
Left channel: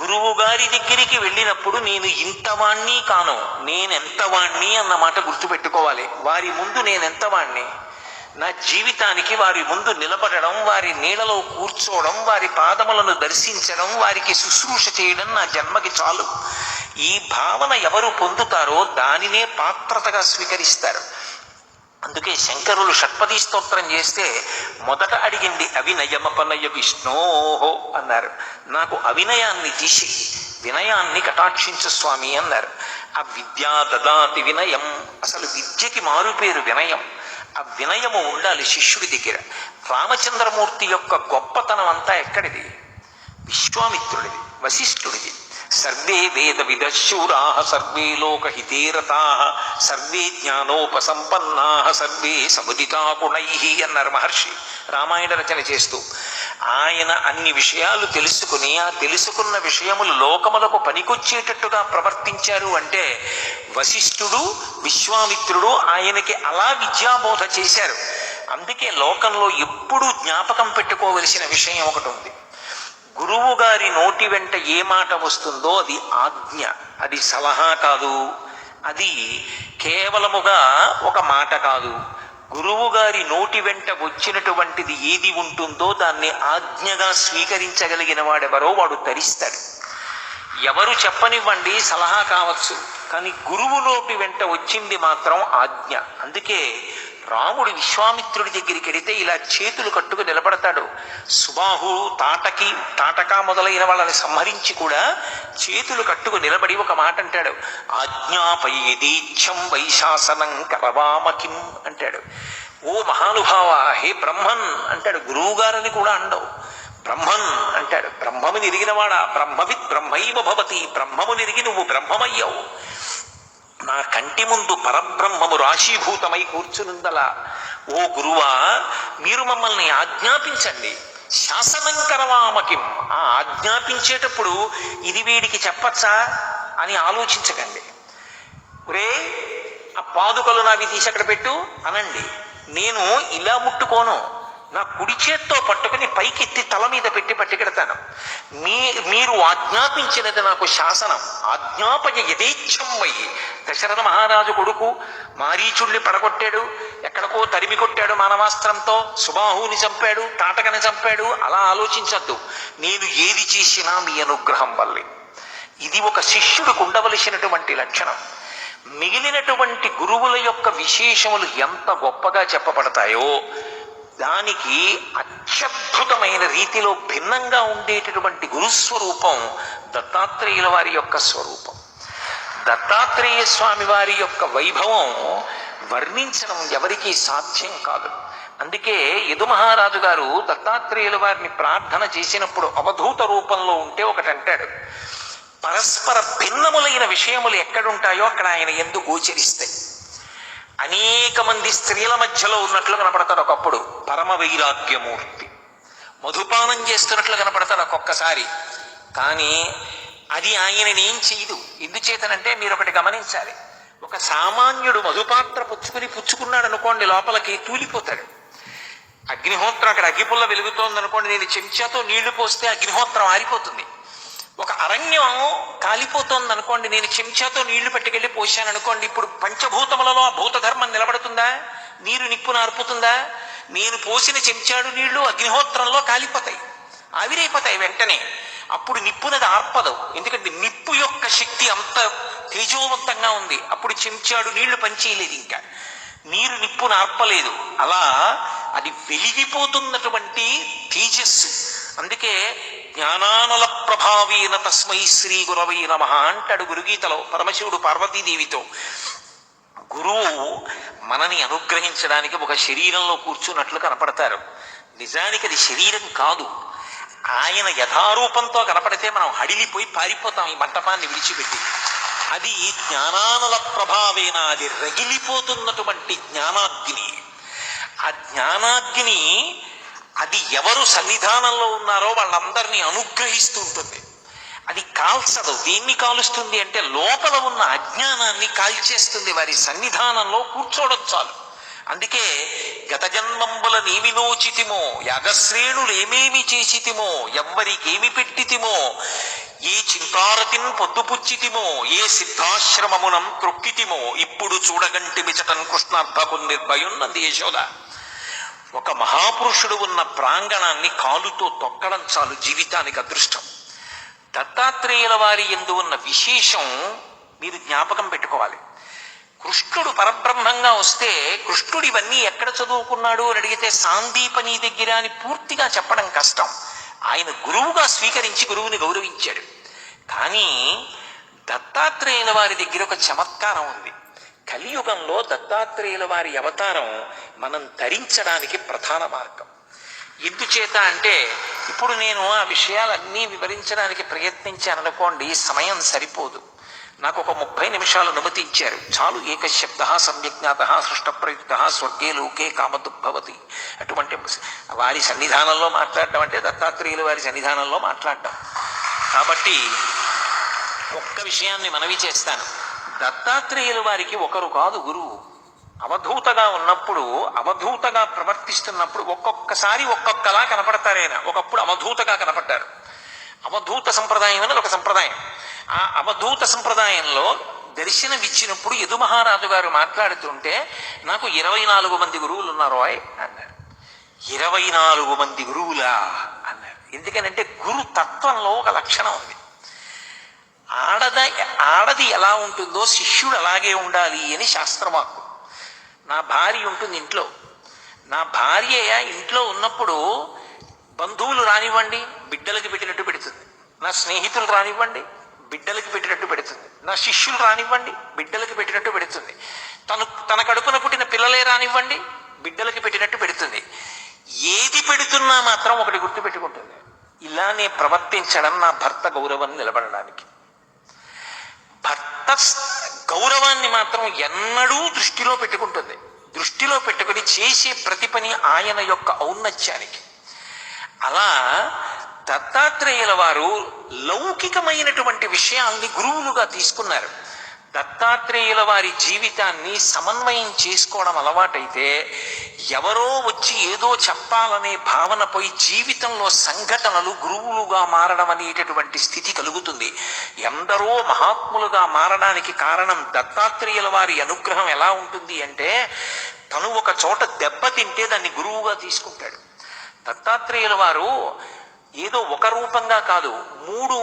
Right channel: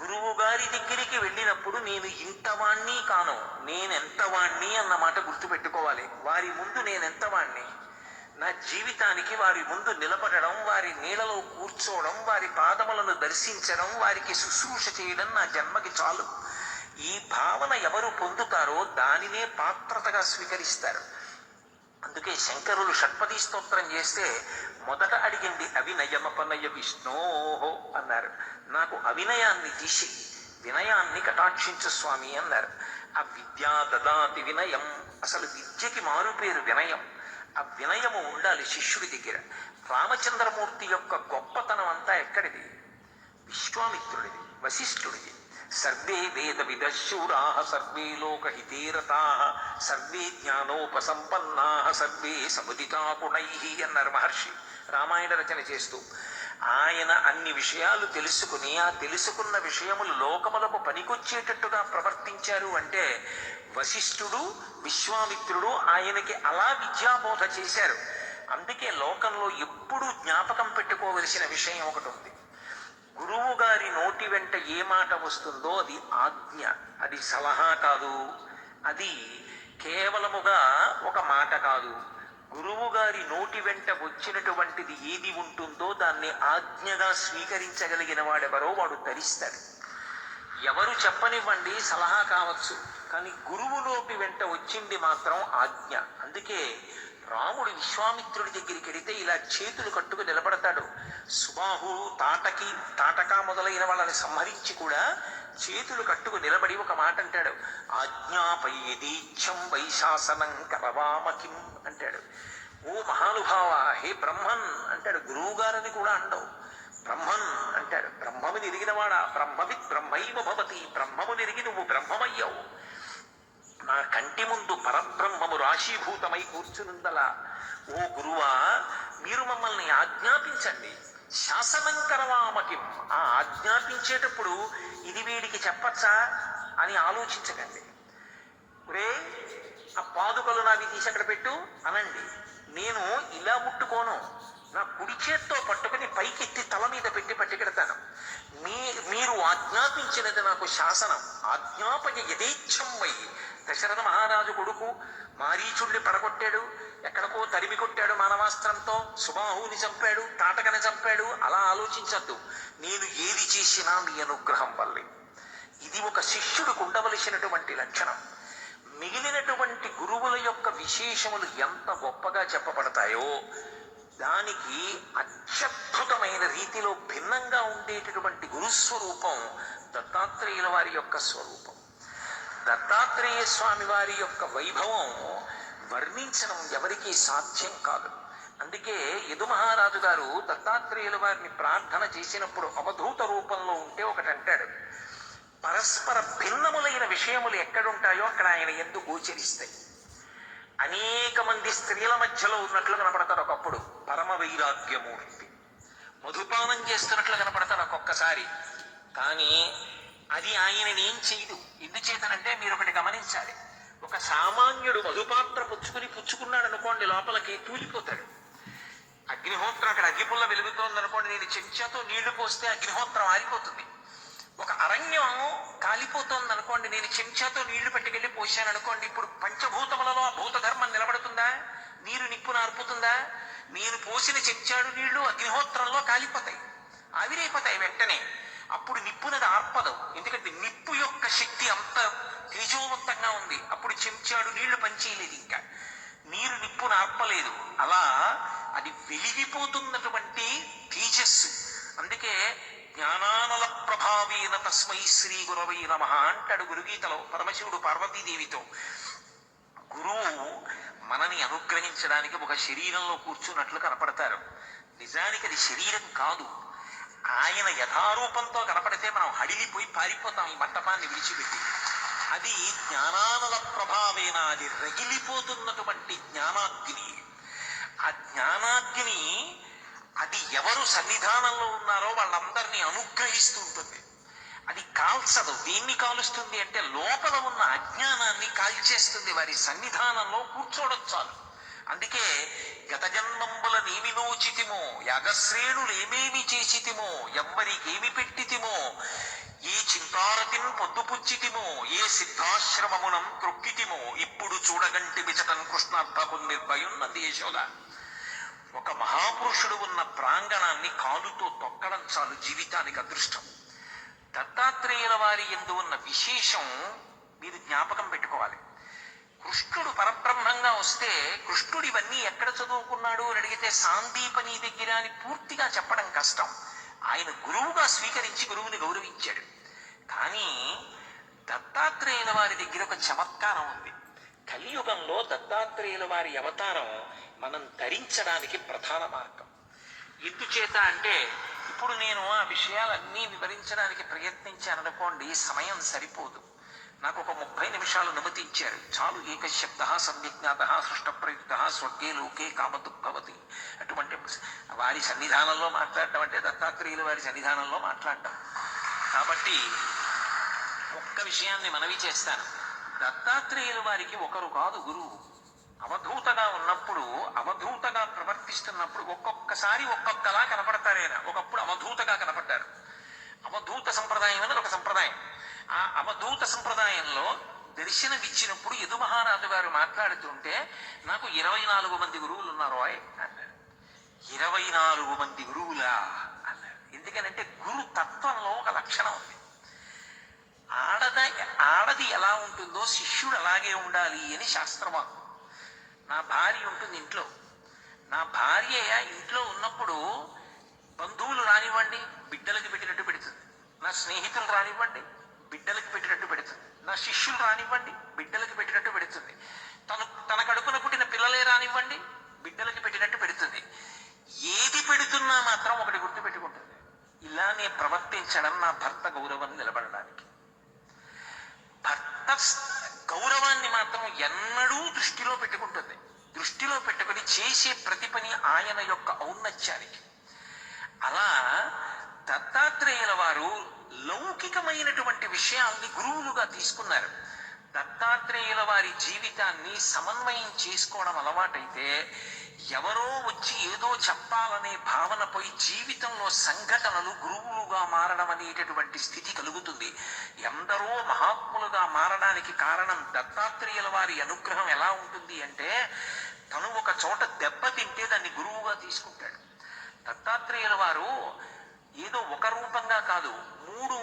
గురువు గారి దగ్గరికి వెళ్ళినప్పుడు నేను ఇంతవాణ్ణి కాను, నేనెంతవాణ్ణి అన్నమాట గుర్తుపెట్టుకోవాలి. వారి ముందు నేనెంతవాణ్ణి, నా జీవితానికి వారి ముందు నిలబడడం, వారి నీడలో కూర్చోవడం, వారి పాదములను దర్శించడం, వారికి శుశ్రూష చేయడం నా జన్మకి చాలు. ఈ భావన ఎవరు పొందుతారో దానినే పాత్రతగా స్వీకరిస్తారు. అందుకే శంకరులు షట్పదీ స్తోత్రం చేస్తే మొదట అడిగింది అవినయమపనయ విష్ణోహో అన్నారు. నాకు అవినయాన్ని తీసి వినయాన్ని కటాక్షించు స్వామి అన్నారు. ఆ విద్యా దదాతి వినయం, అసలు విద్యకి మారుపేరు వినయం. ఆ వినయము ఉండాలి శిష్యుడి దగ్గర. రామచంద్రమూర్తి యొక్క గొప్పతనం అంతా ఎక్కడిది? విశ్వామిత్రుడిది, వశిష్ఠుడిది. సర్వే వేద విదశూరా సర్వే లోకహితే రతా సర్వే జ్ఞానోపసంపన్నా సర్వే సముదితా గుణై అన్నారు మహర్షి రామాయణ రచన చేస్తూ. ఆయన అన్ని విషయాలు తెలుసుకుని ఆ తెలుసుకున్న విషయములు లోకములకు పనికొచ్చేటట్టుగా ప్రవర్తించారు అంటే వశిష్ఠుడు విశ్వామిత్రుడు ఆయనకి అలా విద్యాబోధ చేశారు. అందుకే లోకంలో ఎప్పుడూ జ్ఞాపకం పెట్టుకోవలసిన విషయం ఒకటి ఉంది. గురువు గారి నోటి వెంట ఏ మాట వస్తుందో అది ఆజ్ఞ, అది సలహా కాదు, అది కేవలముగా ఒక మాట కాదు. గురువు గారి నోటి వెంట వచ్చినటువంటిది ఏది ఉంటుందో దాన్ని ఆజ్ఞగా స్వీకరించగలిగిన వాడెవరో వాడు తరిస్తాడు. ఎవరు చెప్పనివ్వండి సలహా కావచ్చు, కానీ గురువు నోటి వెంట వచ్చింది మాత్రం ఆజ్ఞ. అందుకే రాముడు విశ్వామిత్రుడి దగ్గరికి వెడితే ఇలా చేతులు కట్టుకు నిలబడతాడు. సుబాహు తాటక మొదలైన వాళ్ళని సంహరించి కూడా చేతులు కట్టుకు నిలబడి ఒక మాట అంటాడు, ఆజ్ఞాపయేదీచ్ఛం వైశాసనం కరవామకిం అంటాడు. ఓ మహానుభావ, హే బ్రహ్మన్ అంటాడు. గురువు గారని కూడా అండవు, బ్రహ్మన్ అంటాడు. బ్రహ్మముని ఎరిగినవాడా, బ్రహ్మవిత్ బ్రహ్మైవ భవతి, బ్రహ్మముని ఎరిగి నువ్వు బ్రహ్మమయ్యావు. నా కంటి ముందు పరబ్రహ్మము రాశీభూతమై కూర్చునుందలా. ఓ గురువా, మీరు మమ్మల్ని ఆజ్ఞాపించండి. శాసనం కరవామకిం, ఆ ఆజ్ఞాపించేటప్పుడు ఇది వీడికి చెప్పచ్చా అని ఆలోచించకండి. ఒరే ఆ పాదుకలు నావి తీసి అక్కడ పెట్టు అనండి. నేను ఇలా ముట్టుకోను, నా కుడి చేత్తో పట్టుకుని పైకెత్తి తల మీద పెట్టి పట్టుకెడతాను. మీరు ఆజ్ఞాపించినది నాకు శాసనం. ఆజ్ఞాపయ యథేచ్ఛం వై. దశరథ మహారాజు కొడుకు మారీచుల్ని పడగొట్టాడు, ఎక్కడికో తరిమి కొట్టాడు మానవాస్త్రంతో, సుబాహుని చంపాడు, తాటకని చంపాడు. అలా ఆలోచించద్దు. నేను ఏది చేసినా మీ అనుగ్రహం వల్లే. ఇది ఒక శిష్యుడికి ఉండవలసినటువంటి లక్షణం. మిగిలినటువంటి గురువుల యొక్క విశేషములు ఎంత గొప్పగా చెప్పబడతాయో దానికి అత్యద్భుతమైన రీతిలో భిన్నంగా ఉండేటటువంటి గురుస్వరూపం దత్తాత్రేయుల వారి యొక్క స్వరూపం. దత్తాత్రేయ స్వామి వారి యొక్క వైభవం వర్ణించడం ఎవరికీ సాధ్యం కాదు. అందుకే యదు మహారాజు గారు దత్తాత్రేయుల వారిని ప్రార్థన చేసినప్పుడు అవధూత రూపంలో ఉంటే ఒకటంటాడు, పరస్పర భిన్నములైన విషయములు ఎక్కడుంటాయో అక్కడ ఆయన యందు గోచరిస్తాయి. అనేక మంది స్త్రీల మధ్యలో ఉన్నట్లు కనపడతాడు ఒకప్పుడు పరమ వైరాగ్యమూర్తి. మధుపానం చేస్తున్నట్లు కనపడతాడు ఒక్కొక్కసారి, కానీ అది ఆయనని ఏం చేయదు. ఎందుచేతనంటే మీరు ఒకటి గమనించాలి. ఒక సామాన్యుడు మధుపాత్ర పుచ్చుకున్నాడు అనుకోండి, లోపలికి తూలిపోతాడు. అగ్నిహోత్రం అక్కడ అగ్గిపుల్ల వెలుగుతోంది అనుకోండి, నేను చెంచాతో నీళ్లు పోస్తే అగ్నిహోత్రం ఆరిపోతుంది. ఒక అరణ్యం కాలిపోతోంది అనుకోండి, నేను చెంచాతో నీళ్లు పట్టుకెళ్ళి పోసాను అనుకోండి, ఇప్పుడు పంచభూతములలో ఆ భూతధర్మం నిలబడుతుందా? నీరు నిప్పును ఆర్పుతుందా? నేను పోసిన చెంచాడు నీళ్లు అగ్నిహోత్రంలో కాలిపోతాయి, ఆవిరైపోతాయి వెంటనే. అప్పుడు నిప్పునది ఆర్పదు, ఎందుకంటే నిప్పు యొక్క శక్తి అంత తేజోవంతంగా ఉంది. అప్పుడు చెంచాడు నీళ్లు పనిచేయలేదు, ఇంకా నీరు నిప్పును ఆర్పలేదు. అలా అది వెలిగిపోతున్నటువంటి తేజస్సు. అందుకే జ్ఞానానల ప్రభావేన తస్మై శ్రీ గురవై నమః అంటాడు గురుగీతలో పరమశివుడు పార్వతీదేవితో. గురువు మనని అనుగ్రహించడానికి ఒక శరీరంలో కూర్చున్నట్లు కనపడతారు. నిజానికి అది శరీరం కాదు. ఆయన యథారూపంతో కనపడితే మనం హడిలిపోయి పారిపోతాం ఈ మంటపాన్ని విడిచిపెట్టి. అది జ్ఞానానల ప్రభావేన, అది రగిలిపోతున్నటువంటి జ్ఞానాగ్ని. ఆ జ్ఞానాగ్ని అది ఎవరు సన్నిధానంలో ఉన్నారో వాళ్ళందరినీ అనుగ్రహిస్తూ ఉంటుంది. అది కాల్చదు. దేన్ని కాలుస్తుంది అంటే లోపల ఉన్న అజ్ఞానాన్ని కాల్చేస్తుంది. వారి సన్నిధానంలో కూర్చోవడం చాలు. అందుకే గత జన్మంబుల నీవి నోచితిమో, యాగశ్రేణులు ఏమేమి చేసితిమో, ఎవ్వరికేమి పెట్టితిమో, ఏ చింతారతిన్ పొద్దుపుచ్చితిమో, ఏ సిద్ధాశ్రమమునం త్రొక్కితిమో, ఇప్పుడు చూడగంటి మిచటన్ కృష్ణార్థకు నిర్భయున్నది యశోద. ఒక మహాపురుషుడు ఉన్న ప్రాంగణాన్ని కాలుతో తొక్కడం చాలు జీవితానికి అదృష్టం. దత్తాత్రేయుల వారి యందు ఉన్న విశేషం మీరు జ్ఞాపకం పెట్టుకోవాలి. కృష్ణుడు పరబ్రహ్మంగా వస్తే కృష్ణుడు ఇవన్నీ ఎక్కడ చదువుకున్నాడు అని అడిగితే సాందీపని దగ్గర అని పూర్తిగా చెప్పడం కష్టం. ఆయన గురువుగా స్వీకరించి గురువుని గౌరవించాడు. కానీ దత్తాత్రేయుల వారి దగ్గర ఒక చమత్కారం ఉంది. కలియుగంలో దత్తాత్రేయుల వారి అవతారం మనం ధరించడానికి ప్రధాన మార్గం. ఎందుచేత అంటే ఇప్పుడు నేను ఆ విషయాలన్నీ వివరించడానికి ప్రయత్నించాననుకోండి, సమయం సరిపోదు. నాకు ఒక 30 నిమిషాలు అనుమతి ఇచ్చారు చాలు. ఏకశబ్ద సమ్యజ్ఞాత సృష్టప్రయుక్త స్వర్గే లోకే కామదుగ్భవతి. అటువంటి వారి సన్నిధానంలో మాట్లాడటం అంటే దత్తాత్రేయుల వారి సన్నిధానంలో మాట్లాడటం. కాబట్టి ఒక్క విషయాన్ని మనవి చేస్తాను. దత్తాత్రేయుల వారికి ఒకరు కాదు గురువు. అవధూతగా ఉన్నప్పుడు, అవధూతగా ప్రవర్తిస్తున్నప్పుడు ఒక్కొక్కసారి ఒక్కొక్కలా కనపడతారు ఆయన. ఒకప్పుడు అవధూతగా కనపడ్డారు. అవధూత సంప్రదాయం అనేది ఒక సంప్రదాయం. ఆ అవధూత సంప్రదాయంలో దర్శనమిచ్చినప్పుడు యదు మహారాజు గారు మాట్లాడుతుంటే నాకు 24 మంది గురువులు ఉన్నారు అన్నారు. 24 మంది గురువులా అన్నారు. ఎందుకనంటే గురు తత్వంలో ఒక లక్షణం ఉంది. ఆడది ఎలా ఉంటుందో శిష్యుడు అలాగే ఉండాలి అని శాస్త్రవాక్కు. నా భార్య ఉంటుంది ఇంట్లో. నా భార్య ఇంట్లో ఉన్నప్పుడు బంధువులు రానివ్వండి, బిడ్డలకి పెట్టినట్టు పెడుతుంది. నా స్నేహితులు రానివ్వండి, బిడ్డలకి పెట్టినట్టు పెడుతుంది. నా శిష్యులు రానివ్వండి, బిడ్డలకి పెట్టినట్టు పెడుతుంది. తన కడుపున పుట్టిన పిల్లలే రానివ్వండి, బిడ్డలకి పెట్టినట్టు పెడుతుంది. ఏది పెడుతున్నా మాత్రం ఒకటి గుర్తు పెట్టుకుంటుంది, ఇలానే ప్రవర్తించడం నా భర్త గౌరవం నిలబడడానికి. భర్త గౌరవాన్ని మాత్రం ఎన్నడూ దృష్టిలో పెట్టుకుంటుంది. దృష్టిలో పెట్టుకుని చేసే ప్రతి పని ఆయన యొక్క ఔన్నత్యానికి. అలా దత్తాత్రేయుల వారు లౌకికమైనటువంటి విషయాల్ని గురువులుగా తీసుకున్నారు. దత్తాత్రేయుల వారి జీవితాన్ని సమన్వయం చేసుకోవడం అలవాటైతే ఎవరో వచ్చి ఏదో చెప్పాలనే భావన పోయి జీవితంలో సంఘటనలు గురువులుగా మారడం అనేటటువంటి స్థితి కలుగుతుంది. ఎందరో మహాత్ములుగా మారడానికి కారణం దత్తాత్రేయుల వారి అనుగ్రహం ఎలా ఉంటుంది అంటే, తను ఒక చోట దెబ్బతింటే దాన్ని గురువుగా తీసుకుంటాడు. దత్తాత్రేయుల వారు ఏదో ఒక రూపంగా కాదు, 3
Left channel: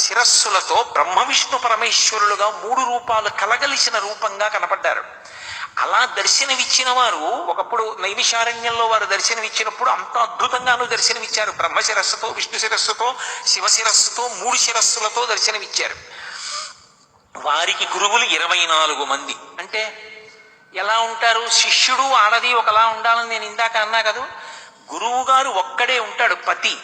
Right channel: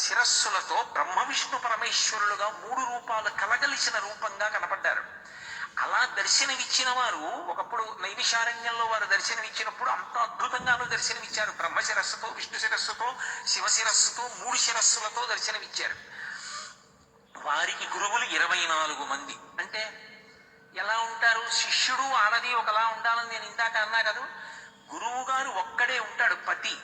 శిరస్సులతో బ్రహ్మ విష్ణు పరమేశ్వరులుగా 3 రూపాలు కలగలిసిన రూపంగా కనపడ్డారు. అలా దర్శనమిచ్చిన వారు ఒకప్పుడు నైమిషారణ్యంలో వారు దర్శనమిచ్చినప్పుడు అంత అద్భుతంగానూ దర్శనమిచ్చారు. బ్రహ్మ శిరస్సుతో, విష్ణు శిరస్సుతో, శివ శిరస్సుతో 3 శిరస్సులతో దర్శనమిచ్చారు. వారికి గురువులు 24 మంది. అంటే ఎలా ఉంటారు? శిష్యుడు ఆడది ఒకలా ఉండాలని నేను ఇందాక అన్నా కదా. గురువు గారు ఒక్కడే ఉంటాడు, పతి.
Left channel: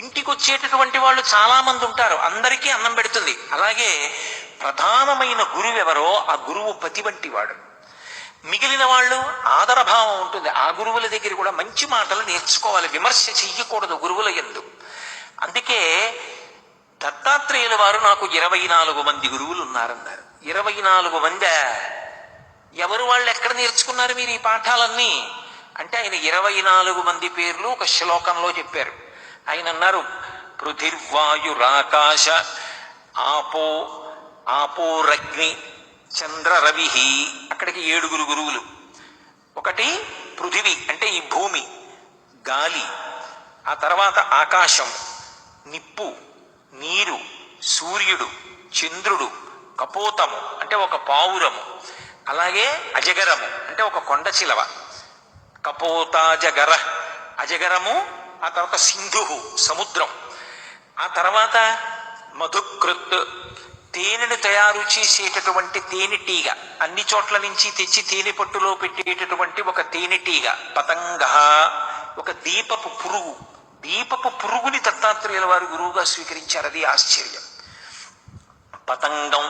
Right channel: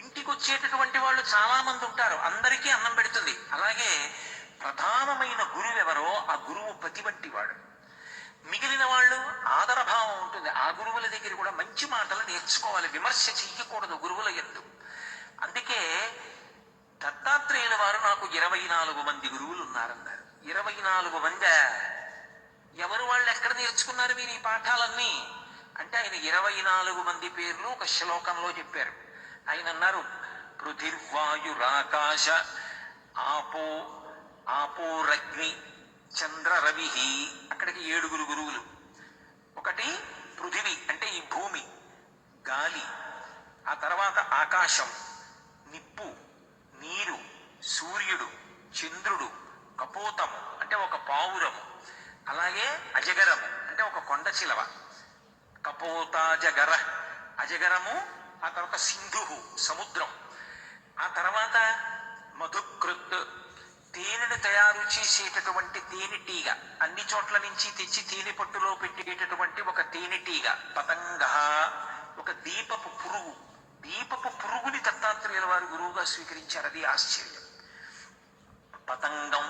ఇంటికి వచ్చేటటువంటి వాళ్ళు చాలా మంది ఉంటారు, అందరికీ అన్నం పెడుతుంది. అలాగే ప్రధానమైన గురువు ఎవరో ఆ గురువు పతి వంటి వాడు. మిగిలిన వాళ్ళు ఆదరభావం ఉంటుంది. ఆ గురువుల దగ్గర కూడా మంచి మాటలు నేర్చుకోవాలి, విమర్శ చెయ్యకూడదు గురువుల యందు. అందుకే దత్తాత్రేయుల వారు నాకు 24 మంది గురువులు ఉన్నారన్నారు. 24 మంది ఎవరు? వాళ్ళు ఎక్కడ నేర్చుకున్నారు మీరు ఈ పాఠాలన్నీ అంటే ఆయన 24 మంది పేర్లు ఒక శ్లోకంలో చెప్పారు. ఆయన అన్నారు, పృథిర్వాయురాకాశ ఆపోరగ్ని చంద్ర రవి. అక్కడికి 7 గురువులు. ఒకటి పృథివి అంటే ఈ భూమి, గాలి, ఆ తర్వాత ఆకాశం, నిప్పు, నీరు, సూర్యుడు, చంద్రుడు, కపోతము అంటే ఒక పావురము, అలాగే అజగరము అంటే ఒక కొండ చిలవ. కపోతాజగర, అజగరము, ఆ తర్వాత సింధు సముద్రం, ఆ తర్వాత మధుకృత్ తేనెను తయారు చేసేటటువంటి తేనెటీగ, అన్ని చోట్ల నుంచి తెచ్చి తేనె పట్టులో పెట్టేటటువంటి ఒక తేనెటీగ. పతంగ ఒక దీపపు పురుగు. దీపపు పురుగుని దత్తాత్రేయుల వారు గురువుగా స్వీకరించారు. అది ఆశ్చర్యం. పతంగం,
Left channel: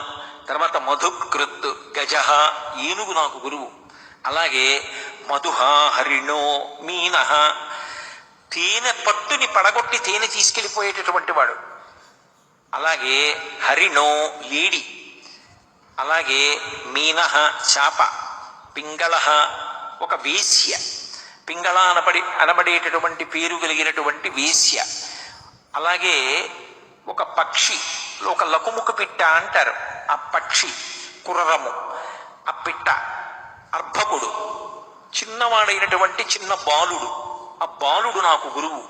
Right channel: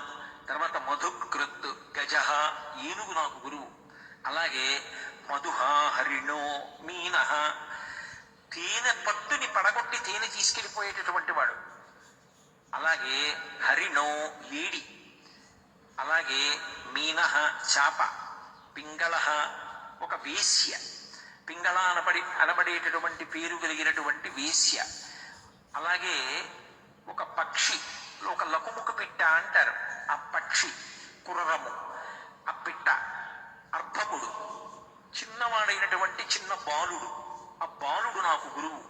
తర్వాత మధుకృత్, గజ ఏనుగు నాకు గురువు. అలాగే మధుహ హరిణో మీన, తేనె పట్టుని పడగొట్టి తేనె తీసుకెళ్ళిపోయేటటువంటి వాడు. అలాగే హరిణో లేడి, అలాగే మీన చాప, పింగళ ఒక వేశ్య, పింగళ అనబడేటటువంటి పేరు కలిగినటువంటి వేశ్య. అలాగే ఒక పక్షి, ఒక లకుముకు పిట్ట అంటారు, ఆ పక్షి కుర్రము, ఆ పిట్ట అర్భకుడు, చిన్నవాడైనటువంటి చిన్న బాలుడు, ఆ బాలుడు నాకు గురువు.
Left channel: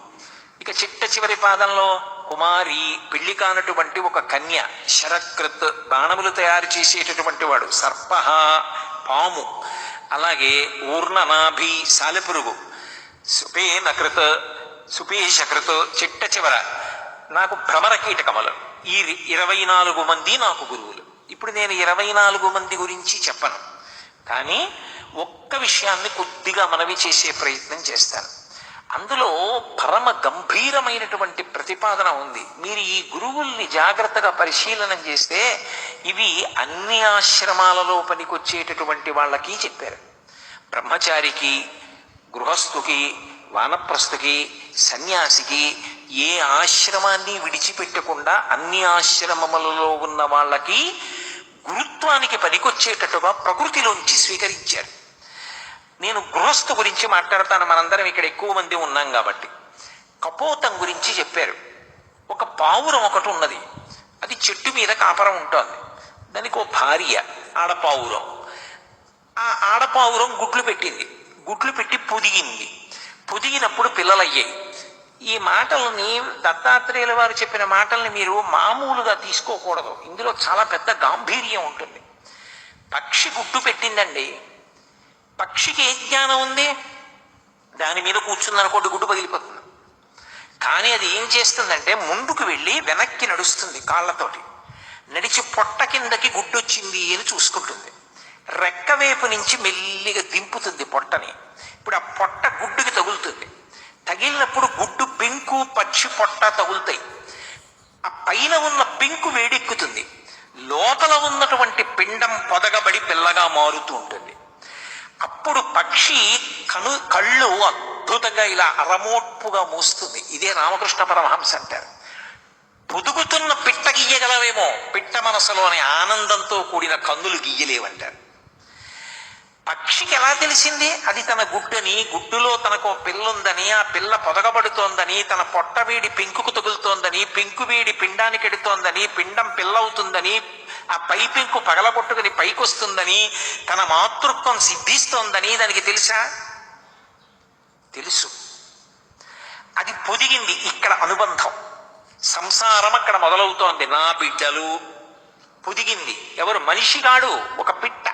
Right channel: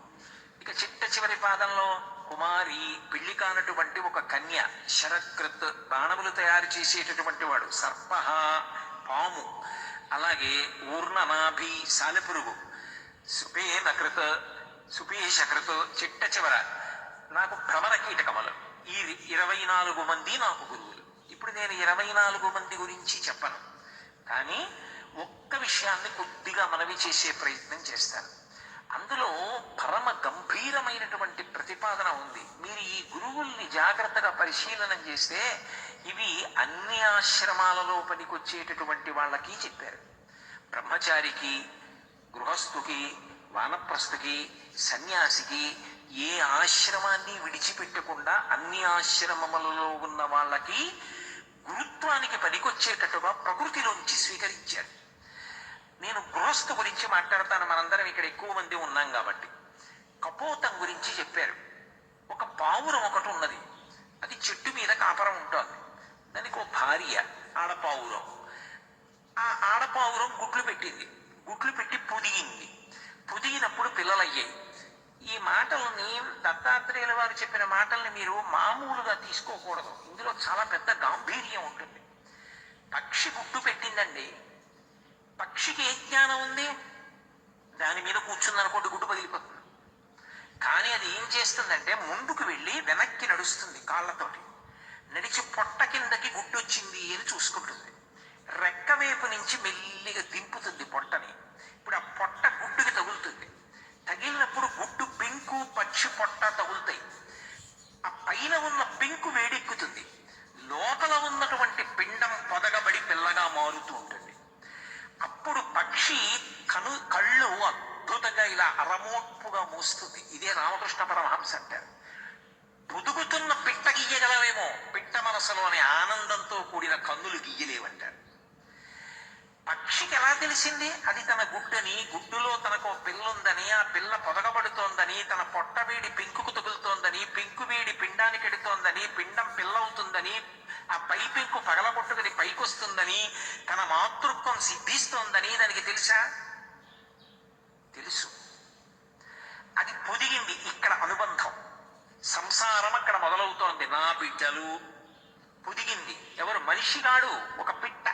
ఇక చిట్ట చివరి పాదంలో కుమారి, పెళ్లి కానటువంటి ఒక కన్య, శరకృత్ బాణములు తయారు చేసేటటువంటి వాడు, సర్ప పాము, అలాగే ఊర్ణనాభి సాలెపురుగు, సుపేనకృత్ సుపేశకృత్ చిట్ట చివర నాకు భ్రమర కీటకములు. ఈ 24 మంది నాకు గురువులు. ఇప్పుడు నేను 24 మంది గురించి చెప్పను, కానీ ఒక్క విషయాన్ని కొద్దిగా మనవి చేసే ప్రయత్నం చేస్తాను. అందులో పరమ గంభీరమైనటువంటి ప్రతిపాదన ఉంది. మీరు ఈ గురువుల్ని జాగ్రత్తగా పరిశీలనం చేస్తే ఇవి అన్ని ఆశ్రమాలలో పనికొచ్చేటటువంటి వాళ్ళకి చెప్పారు. బ్రహ్మచారికి, గృహస్థుకి, వానప్రస్థుకి, సన్యాసికి ఏ ఆశ్రమాన్ని విడిచిపెట్టకుండా అన్ని ఆశ్రమములలో ఉన్న వాళ్ళకి గురుత్వానికి పనికొచ్చేటట్టుగా ప్రకృతిలోంచి స్వీకరించారు. నేను గృహస్థు గురించి మాట్లాడతాను, మనందరం ఇక్కడ ఎక్కువ మంది ఉన్నాం కాబట్టి. కపోతం గురించి చెప్పారు. ఒక పావురం ఒకటి ఉన్నది, అది చెట్టు మీద కాపరం ఉంటుంది. దానికి ఓ భార్య ఆడపావురం. ఆ ఆడపావురం గుడ్లు పెట్టింది, గుడ్లు పెట్టి పొదిగింది. పొదిగినప్పుడు పిల్లలయ్యాయి. ఈ మాటల్ని, దత్తాత్రేయుల వారు చెప్పిన మాటల్ని మీరు మామూలుగా తీసుకోకూడదు, ఇందులో చాలా పెద్ద గాంభీర్యం ఉంటుంది. పక్షి గుడ్డు పెట్టిందండి, పక్షికి ఏ జ్ఞానం ఉంది? దాని మీద కూర్చుందనుకోండి గుడ్డు పగిలిపోతుంది. కానీ అది ఏం చేస్తుందంటే ముందుకు వెళ్ళి వెనక్కి నడుస్తుంది, కాళ్ళతోటి నడిచి పొట్ట కిందకి గుడ్డు వచ్చింది అని చూసుకుంటుంది. రెక్కవేపు నుంచి మెల్లిగా దింపుతుంది పొట్టని. ఇప్పుడు ఆ పొట్ట గుడ్డుకి తగులుతుంది. తగిలినప్పుడు గుడ్డు పెంకు, పక్షి పొట్ట తగులుతాయి. ఆ పైన ఉన్న పెంకు వేడెక్కుతుంది, లోపల ఉన్నటువంటి పిండం పొదగబడి పిల్లగా మారుతూ ఉంటుంది. అప్పుడు పక్షి కళ్ళు అద్భుతంగా ఇలా అరమోట్పుగా మూస్తుంది. ఇదే రామకృష్ణ పరమహంస అంటారు. పొదుగుతున్న పిట్ట గీయగలవేమో, పిట్ట మనసులోని ఆనందంతో కూడిన కన్నులు గీయలేవంటారు. పక్షికి ఎలా తెలిసింది అది తన గుడ్డని, గుడ్డులో తనకు పిల్ల ఉందని, ఆ పిల్ల పొదగబడుతోందని, తన పొట్ట వేడి పెంకుకు తగులుతోందని, పెంకు వేడి పిండానికి ఎడుతోందని, పిండం పిల్ల అవుతుందని, ఆ పై పెంకు పగలగొట్టుకుని పైకొస్తుందని, తన మాతృత్వం సిద్ధిస్తోందని దానికి తెలుసా? తెలుసు. అది పొదిగింది. ఇక్కడ అనుబంధం, సంసారం అక్కడ మొదలవుతోంది. నా బిడ్డలు పొదిగింది. ఎవరు? మనిషి కాడు, ఒక పిట్ట.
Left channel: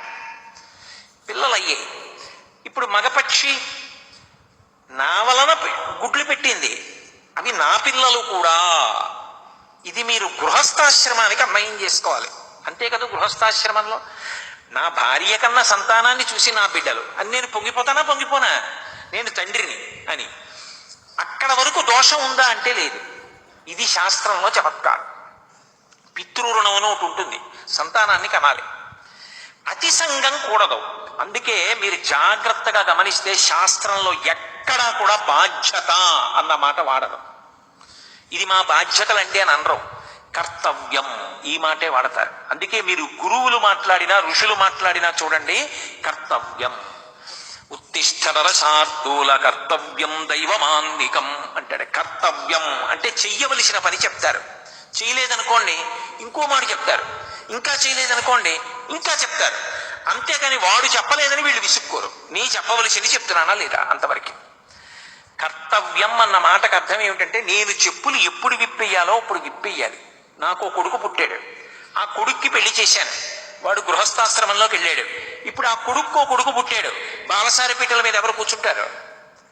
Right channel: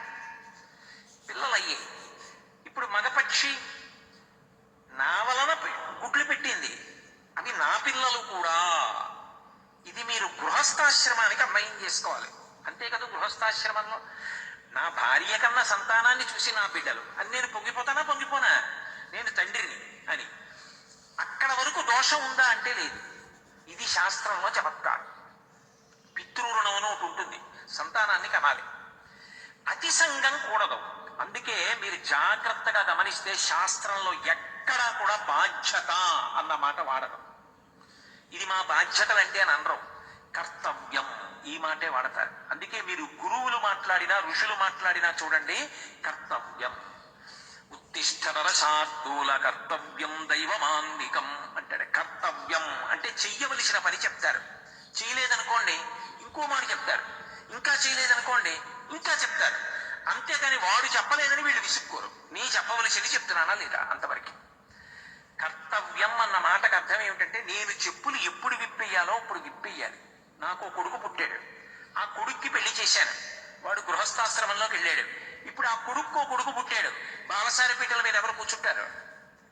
పిల్లలయ్యాయి. ఇప్పుడు మగపక్షి నా వలన గుడ్లు పెట్టింది, అవి నా పిల్లలు కూడా. ఇది మీరు గృహస్థాశ్రమానికి అన్వయం చేసుకోవాలి. అంతే కదా, గృహస్థాశ్రమంలో నా భార్య కన్నా సంతానాన్ని చూసి నా బిడ్డలు అని నేను పొంగిపోనా? నేను తండ్రిని అని. అక్కడ వరకు దోషం ఉందా అంటే లేదు. ఇది శాస్త్రంలో చమత్కారం. పితృరుణం అని ఒకటి ఉంటుంది, సంతానాన్ని కనాలి. అతి సంఘం కూడదు. అందుకే మీరు జాగ్రత్తగా గమనిస్తే శాస్త్రంలో ఎక్కడా కూడా బాధ్యత అన్న మాట వాడరు. ఇది మా బాధ్యతలండి అని అనరు, కర్తవ్యం ఈ మాటే వాడతారు. అందుకే మీరు గురువులు మాట్లాడినా, ఋషులు మాట్లాడినా చూడండి, కర్తవ్యం. ఉత్తిష్ఠర శార్దూల కర్తవ్యం దైవమాన్నికం అంటాడు. కర్తవ్యం అంటే చెయ్యవలసిన పని చెప్తారు. చేయలేదనుకోండి ఇంకో మాట చెప్తారు, ఇంకా చేయలేదనుకోండి ఇంకా చెప్తారు. అంతేకాని వాడు చెప్పలేదని వీళ్ళు విసుక్కోరు. నీ చెప్పవలసింది చెప్తున్నానా లేదా, అంతవరకు. కర్తవ్యం అన్న మాటకు అర్థం ఏమిటంటే నేను చెప్పులు ఎప్పుడు విప్పేయాలో అప్పుడు విప్పేయాలి. నాకు కొడుకు పుట్టాడు, ఆ కొడుక్కి పెళ్లి చేశాను, వాడు గృహస్థాశ్రమంలోకి వెళ్ళాడు. ఇప్పుడు ఆ కొడుకు పుట్టాడు, బాలసారి పీటల మీద ఎవరు కూర్చుంటారు?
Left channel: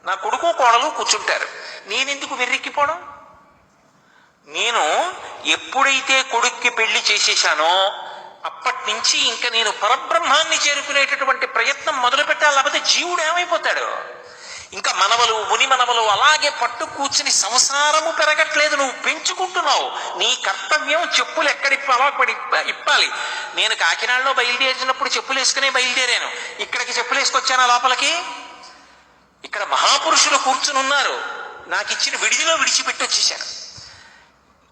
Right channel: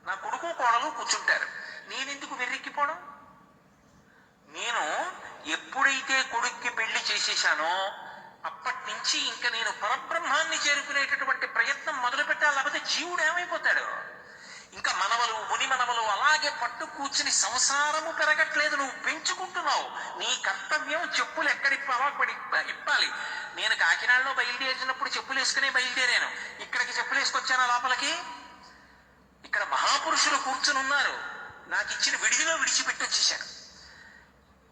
నా కొడుకు కోడలు కూర్చుంటారు. నేనెందుకు వెర్రెక్కిపోవడం? నేను ఎప్పుడైతే కొడుక్కి పెళ్లి చేసేసానో అప్పటి నుంచి ఇంకా నేను పరబ్రహ్మాన్ని చేరుకునేటటువంటి ప్రయత్నం మొదలు పెట్టాలి. లేకపోతే జీవుడు ఏమైపోతాడు? ఇంకా మనవలు, ముని మనవలు అలాగే పట్టు కూర్చుని సంసారము పెరగట్లేదు, నువ్వు పెంచుకుంటున్నావు. నీ కర్తవ్యం చెప్పులు ఎక్కడిప్పాలో అక్కడ ఇప్పాలి. నేను కాకినాడలో బయలుదేరినప్పుడు చెప్పులు వేసుకునే బయలుదేరాను. ఇక్కడికి చెప్పులు వేసుకొచ్చాను లోపలికి. ఇక్కడ మహాపురుషులు కూర్చుని ఉన్నారు, నాకు ఇచ్చిన విడిదిలో విడిచిపెట్టి వచ్చేసాను.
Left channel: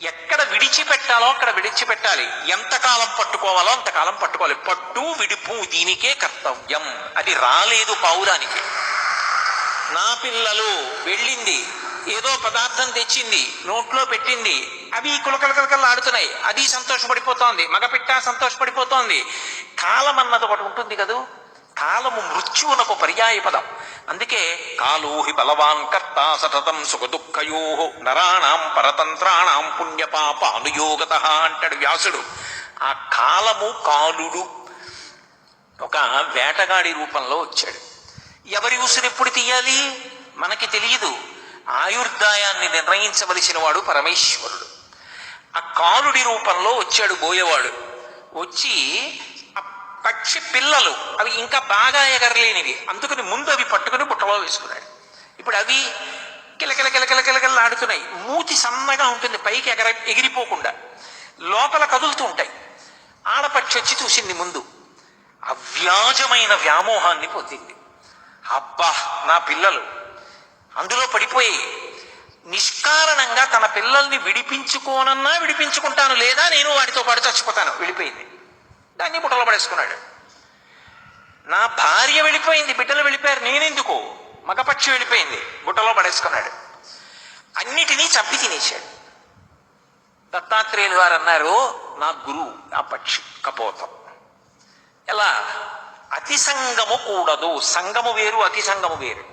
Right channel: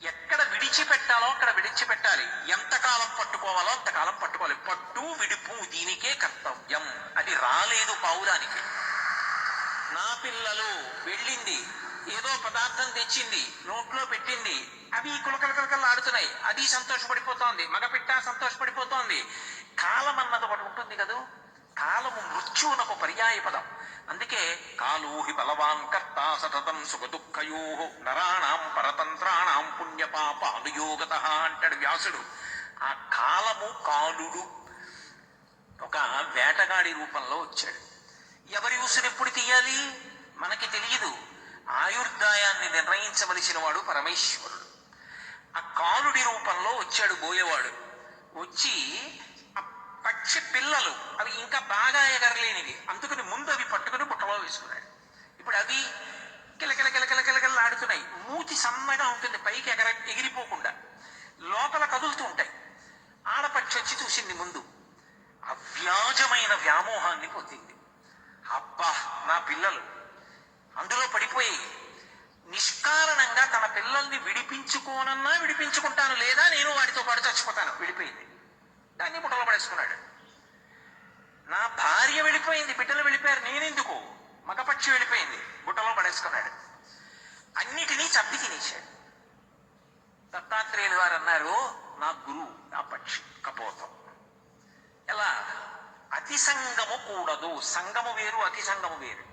ఎక్కడ విడిచిపెట్టాలో అక్కడ విడిచిపెట్టాలి. ఎంతకాలం పట్టుకోవాలో అంతకాలం పట్టుకోవాలి. పట్టు విడుపు దీనికే కర్తవ్యం. అది రాలేదు పౌరానికి. నా పిల్లలు వెళ్ళింది, ఏదో పదార్థం తెచ్చింది, నోట్లో పెట్టింది, అవి కులకలకలకలు ఆడుతున్నాయి, అది సంతోషపడిపోతోంది, మగపిట్ట సంతోషపడిపోతోంది. కాలం అన్నది ఒకటి ఉంటుంది కదూ, కాలము మృత్యువునకు పర్యాయ పదం. అందుకే కాలోహి బలవాన్ కర్త సతతం సుఖ దుఃఖయో నరాణం పరతంత్రాణం పుణ్యపాప అనుయోగత అంటాడు వ్యాసుడు. ఆ కాలము కాలుడు ఒక వేటగాడి రూపంలో వచ్చాడు. ఎవరి ఉసురెప్పుడు తీయాలి మనకి తెలియదు. ఆయుర్దాయాన్ని నిర్ణయించవలసిన వాడు పరమేశ్వరుడు. ఆ కాలుడి రూపంలో వచ్చాడు బోయేవాడు. వచ్చి ఆ పక్షి పిల్లలు అవి ఇంకా బాగా ఎగరలేనివి, అందుకని ముందు అవి పట్టుకుని బుట్టలో వేసుకున్నాడు. ఇప్పుడు అవి కిలకిల కిలకిల కిలకిల ఆడుతున్నాయి. మూతి సన్నగా ఉంటుంది, పైకి ఎగిరిపోకుండా లోపల కదులుతూ ఉంటాయి. ఆడపక్షి వచ్చి చూసింది ముందు, అవ్యాజమైన వ్యామోహాన్ని పొందింది. అబ్బా నా పిల్లలు అందులో పడిపోయి నిష్కారణంగా తన పిల్లల్ని విడిపించుకోనన్నా విడిపించుకుంటాను, లేదా నేను వాటితో పాటు చచ్చిపోతాను. వెళ్ళిపోయింది, దాన్ని బుట్టలో పడేసుకున్నాడు. నా భార్య వెళ్ళిపోయింది, బిడ్డలు వెళ్ళిపోయారు, నేనెందుకు? మగపక్షి వెళ్ళిపోయింది, బుట్టలో పడేసుకున్నాడు. అన్నిటినీ చంపి తినేశాడు. దత్తాత్రేయులు వారు అన్నారు, నా గురువు ఆ పక్షి కపోతం. ఎలా? అతి సంగము కూడదు. సంగము వేరు, అతి సంగము వేరు.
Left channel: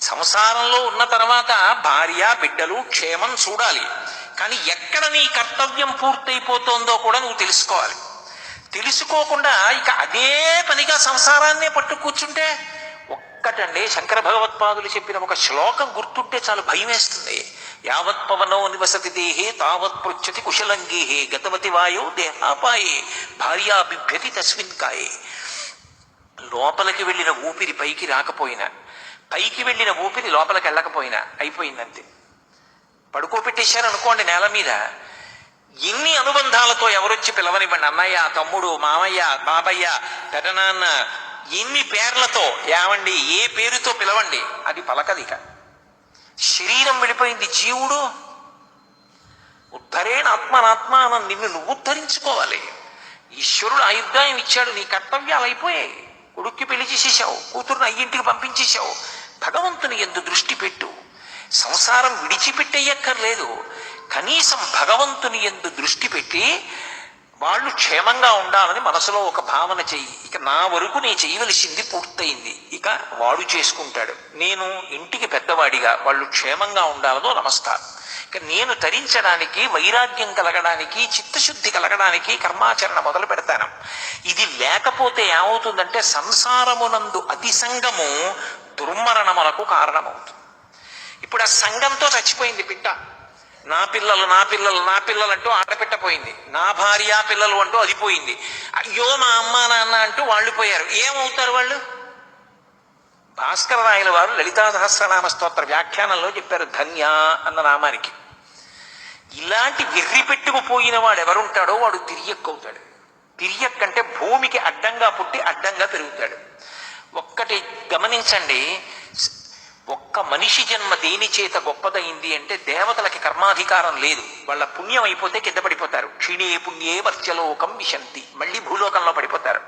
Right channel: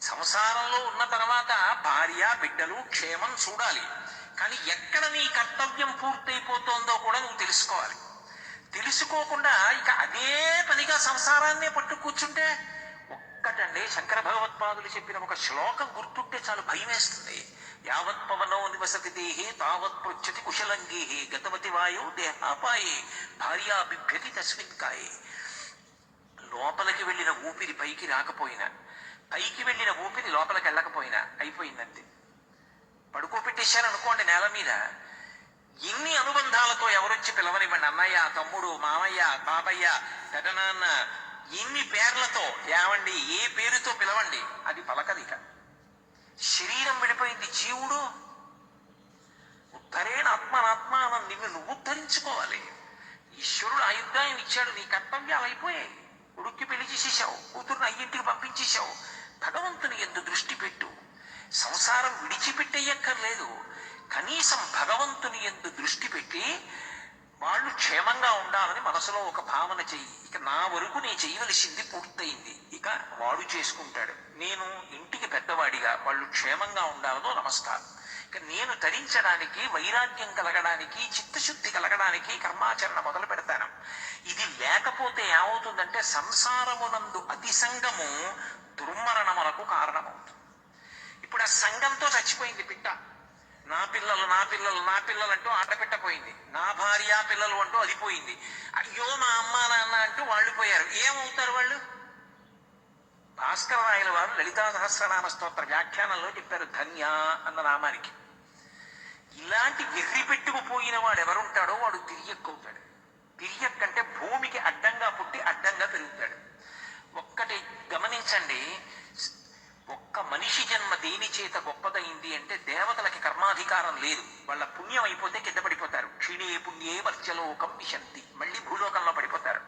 సంసారంలో ఉన్న తర్వాత భార్య బిడ్డలు క్షేమం చూడాలి, కానీ ఎక్కడ నీ కర్తవ్యం పూర్తయిపోతుందో కూడా నువ్వు తెలుసుకోవాలి. తెలుసుకోకుండా ఇక అదే పనిగా సంసారాన్నే పట్టు కూర్చుంటే ఒక్కటండి, శంకర భగవత్పాదులు చెప్పిన ఒక శ్లోకం గుర్తుంటే చాలు భయం వేస్తుంది. యావత్ పవనో నివసతి దేహే తావత్ పృచ్చతి కుశలంగీహే గతవతి వాయో దేహాపాయే భార్యా బిభ్యతి తస్మిన్ కాయే. లోపలికి వెళ్ళిన ఊపిరి పైకి రాకపోయినా, పైకి వెళ్ళిన ఊపిరి లోపలికి వెళ్ళకపోయినా అయిపోయిందంతే. పడుకోబెట్టేశారు అనుకోండి నేల మీద, ఇన్ని అనుబంధాలతో ఎవరొచ్చి పిలవనివ్వండి, అన్నయ్య, తమ్ముడు, మామయ్య, బాబయ్య, పెదనాన్న, ఇన్ని పేర్లతో ఏమండి, ఏ పేరుతో పిలవండి, అది పలకదిక. శరీరం వెళ్ళిపోయింది, జీవుడు ఉద్ధరేణ ఆత్మనాత్మానం, నిన్ను నువ్వు ఉద్ధరించుకోవాలి. ఈశ్వరుడు ఆయుర్దాయం ఇచ్చాడు, నీ కర్తవ్యాలు అయిపోయాయి. కొడుక్కి పెళ్లి చేసేసావు, కూతురుని అయ్యింటికి పంపించేశావు. భగవంతుని యందు దృష్టి పెట్టు. సంసారం విడిచిపెట్టేయక్కర్లేదు, కనీసం భగవంతుని యందు దృష్టి పెట్టి వాళ్ళు క్షేమంగా ఉండాలని మనసులో ఒక భావన చెయ్యి. ఇక నా వరకు నేను చేయవలసింది పూర్తయింది, ఇక వాడు చేసుకుంటాడు. నేను ఇంటికి పెద్దవాడిగా వాళ్ళు క్షేమంగా ఉండాలనో నమస్కారం. ఇక నేను తరించడానికి, వైరాగ్యం కలగడానికి, చిత్తశుద్ధి కలగడానికి కర్మాచరణ మొదలు పెడతాను. ఇది లేకపోతే ఏమవుతుందంటే సంసారమునందు అతి సంగము దుర్మరణములకు కారణమవుతుంది. ఇప్పుడు ఆ సంఘంతో చచ్చిపోయింది పిట్ట. నా పిల్లలు నా పిల్లలు నా పిల్లలు అంటూ ఆటపెట్టపోయింది. నా భార్య పిల్లలు అంటూ అది పోయింది. అయ్యో మా అమ్మ నాన్న అంటూ వాళ్ళు పోయారు. ఏమవుతారు వాళ్ళు? భాస్కర రాయల వారు లలితా సహస్రనామ స్తోత్ర వ్యాఖ్యానంలో చెప్పారు ధన్య అన్న నామానికి. ఇలాంటి వెర్రి పెట్టుకుపోయిన వాడు ఎవరుంటాడో వాడు తిరియక్కవుతాడు. తిరియక్కంటే భూమికి అడ్డంగా పుట్టి అడ్డంగా పెరుగుతాడు. ఒక్కటి గమనించండి, ఒక్క మనిషి జన్మ దేని చేత గొప్పదైంది అంటే దేవతలకి కర్మాధికారం లేదు. వాళ్ళ పుణ్యం అయిపోతే కింద పడిపోతారు. క్షీణే పుణ్యే వర్చలోకం విశంతి, మళ్ళీ భూలోకంలో పడిపోతారు.